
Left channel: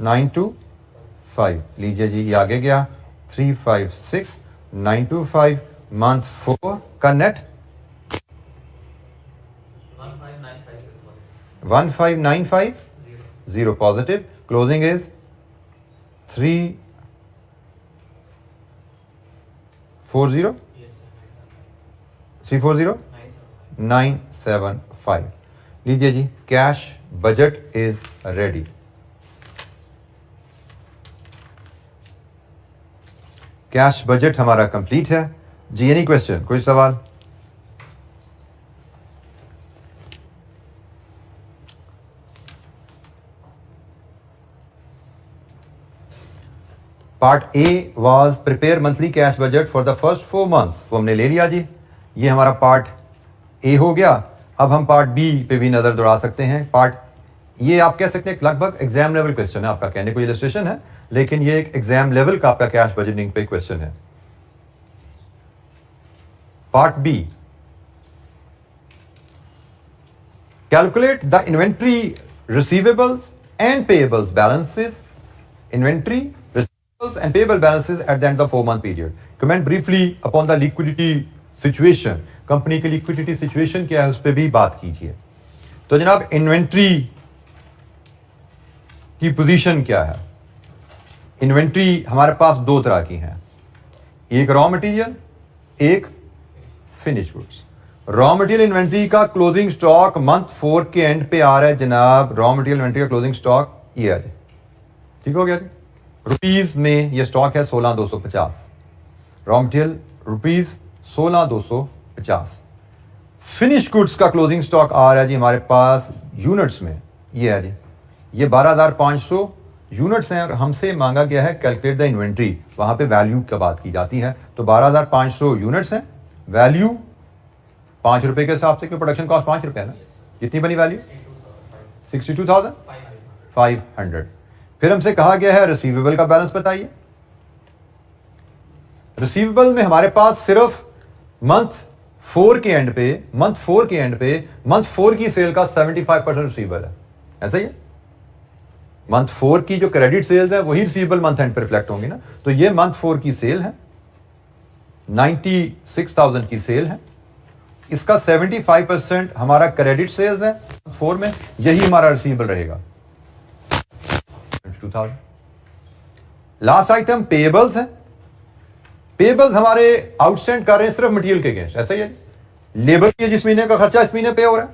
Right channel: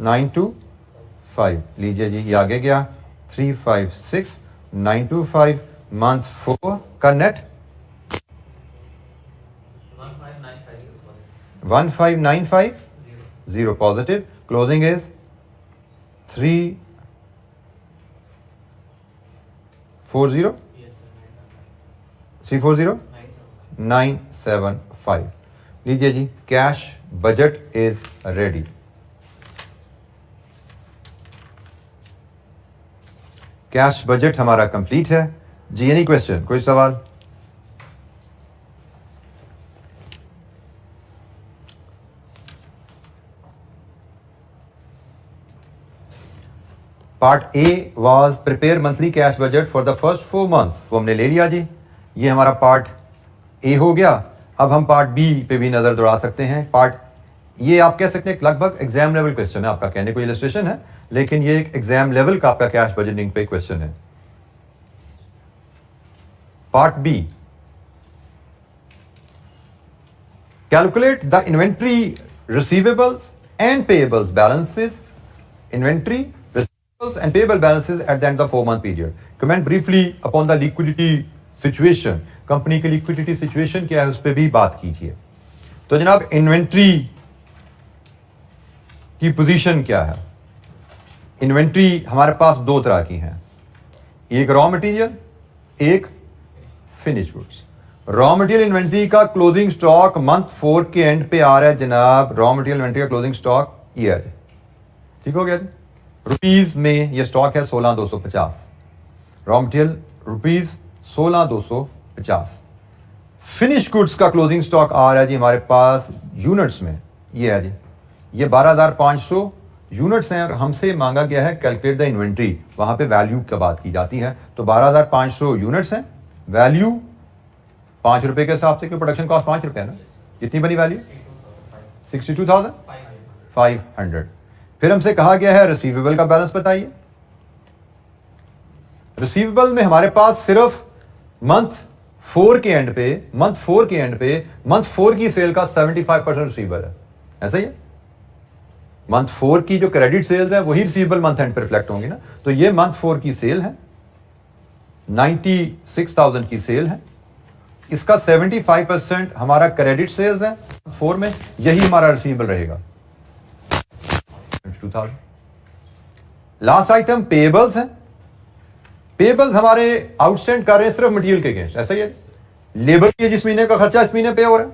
925। लीजिए जी, ये आगे गया 356925। मंथ 4 का नेट 1595 पॉजिटिव, क्लोजिंग इज 340 975। लीजिए जी, cash budget is ready. Cash budget हमारा कंप्लीट है जी। एनी क्वेश्चन, कोई सवाल? Part A was prepare monthly cash budget for the first 4 month, वो हमने ले लिया जी। ये हमारा पार्ट ए हो गया। अब हम पार्ट बी पे भी नजर दौड़ा सकते हैं। पार्ट, ये आप कह सकते हैं लगभग एग्जाम लेवल क्वेश्चन है आपका, कहने को इलस्ट्रेशन है लेकिन ये एक एग्जाम लेवल का आपका कैश बजटिंग पे क्वेश्चन है। Part B, calculate the inventory receivables and payables balances, inventory and payable balances at the end of the 4-month period. Comment briefly upon the liquidity situation, company की liquidity situation क्या है उस पर भी बात कीजिए। तो जनाब इन्वेंट्री की पोजीशन क्या है? इन्वेंट्री हमारे पास दो तरह की हैं, एक रॉ मटेरियल, एक finish goods. Raw material inventory का क्लोजिंग स्टॉक मंथ 4 के एंड पे आ रहा है जनाब। रॉ मटेरियल इन्वेंट्री का क्लोजिंग स्टॉक ये है, ठीक हो गया जी। रुपीज में ये स्टॉक है 16,250, raw material rupees 16,250। Finish goods का क्लोजिंग स्टॉक आ रहा है जी हमारे पास यूनिट्स में, ये है जी, ये 12,500 यूनिट्स हैं और हमसे मांगा गया है कैलकुलेट द इन्वेंट्री, वहां पे वैल्यू की बात की जाती है। तो 12,500 यूनिट्स हैं, वैल्यू 5 रुपए के हिसाब से, क्योंकि प्रोडक्शन कॉस्ट 5 रुपए है ना, कितनी बनी वैल्यू? 62,500। फिर हमसे कहा गया है रिसीवेबल का बैलेंस बताइए। रिसीवेबल में हमारे पास सिर्फ मंथ 4 के एंड पे मंथ 4 की सेल का 75% रिसीवेबल है, ऐसा ही है। मंथ 4 की जो क्रेडिट सेल्स है वही रिसीवेबल मंथ एंड पे रिफ्लेक्ट होंगी ना। तो ये मंथ 4 की सेल है, 96,000 की सेल है, इसका 75% हमारा क्रेडिट सेल्स है 4 में, यही हमारा रिसीवेबल रहेगा 2000। लास्ट आइटम पेएबल्स है। पेएबल्स हमारे आउटस्टैंड कर रहे हैं सिर्फ मटेरियल के अगेंस्ट, ऐसा ही है। लेबर की जिस महीने का खर्चा इस महीने पे हो रहा है,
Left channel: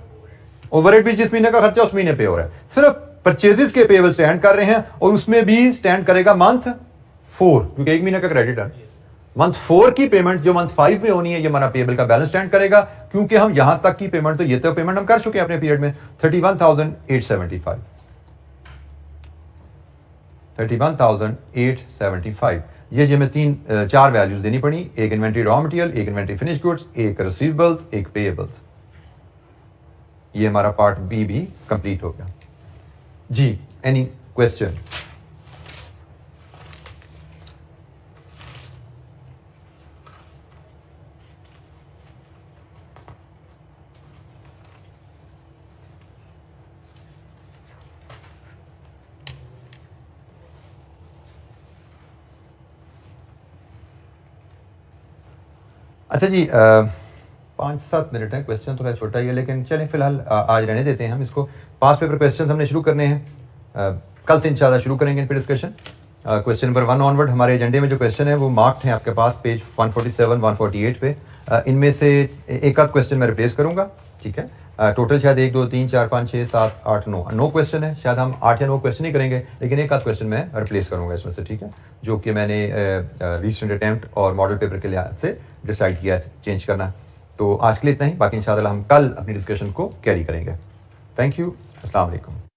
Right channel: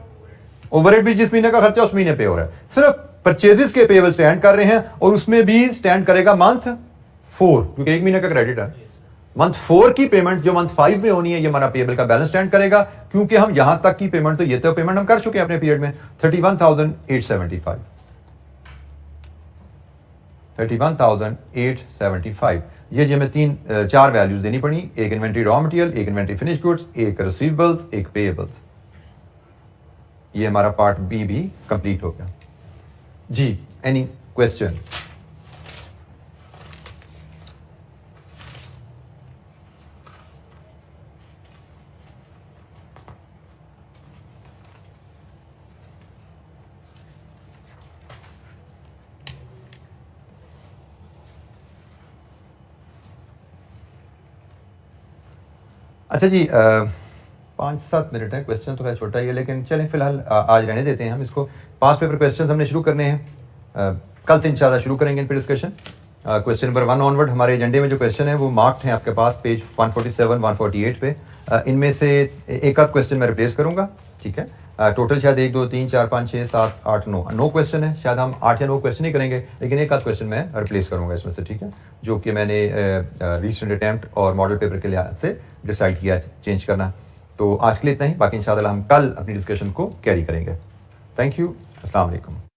ओवरहेड भी जिस महीने का खर्चा उस महीने पे हो रहा है, सिर्फ परचेजेस के पेएबल स्टैंड कर रहे हैं और उसमें भी स्टैंड करेगा मंथ 4, क्योंकि एक महीने का क्रेडिट है। मंथ 4 की पेमेंट जो मंथ 5 में होनी है, ये हमारा पेएबल का बैलेंस स्टैंड करेगा, क्योंकि हम यहां तक की पेमेंट, तो ये तो पेमेंट हम कर चुके हैं अपने पीरियड में 31,875। 31,875 ये जो हमें 4 वैल्यूज देनी पड़ी, एक इन्वेंट्री रॉ मटेरियल, एक इन्वेंट्री फिनिश गुड्स, एक रिसीवेबल्स, एक पेएबल्स। ये हमारा पार्ट बी भी कंप्लीट हो गया जी। Any question? अच्छा जी, 5-7 मिनट है, क्वेश्चन तो खैर छोटा ही है, लेकिन चलें फिलहाल आज रहने देते हैं हम इसको। 5 पेपर क्वेश्चन हमने शुरू करने हैं, कल से इंशाल्लाह शुरू करेंगे इन पर डिस्कशन। क्वेश्चन नंबर 1 ऑनवर्ड हमारे एजेंडे में जो क्वेश्चन है वो मार्क्ड हैं आपके पास पेज 147, 148 पे। इनमें से एक आध क्वेश्चन मैं रिप्लेस करूंगा, ठीक है। टोटल शायद 1, 2, 3, 4, 5, 6, 7, 8, 9 क्वेश्चन है। शायद हम 8 या 9 क्वेश्चन ही करेंगे, लेकिन एक आध क्वेश्चन मैं रिप्लेस करूंगा इसमें से, ठीक है, जो कि मैंने रीसेंट अटेम्प्ट और मॉडल पेपर के लिहाज से डिसाइड किया चेंज करना। तो आज के लिए इतना ही, बाकी इंशाल्लाह हम कल अपनी डिस्कशन को कैरी करेंगे। थैंक यू, अस्सलाम वालेकुम।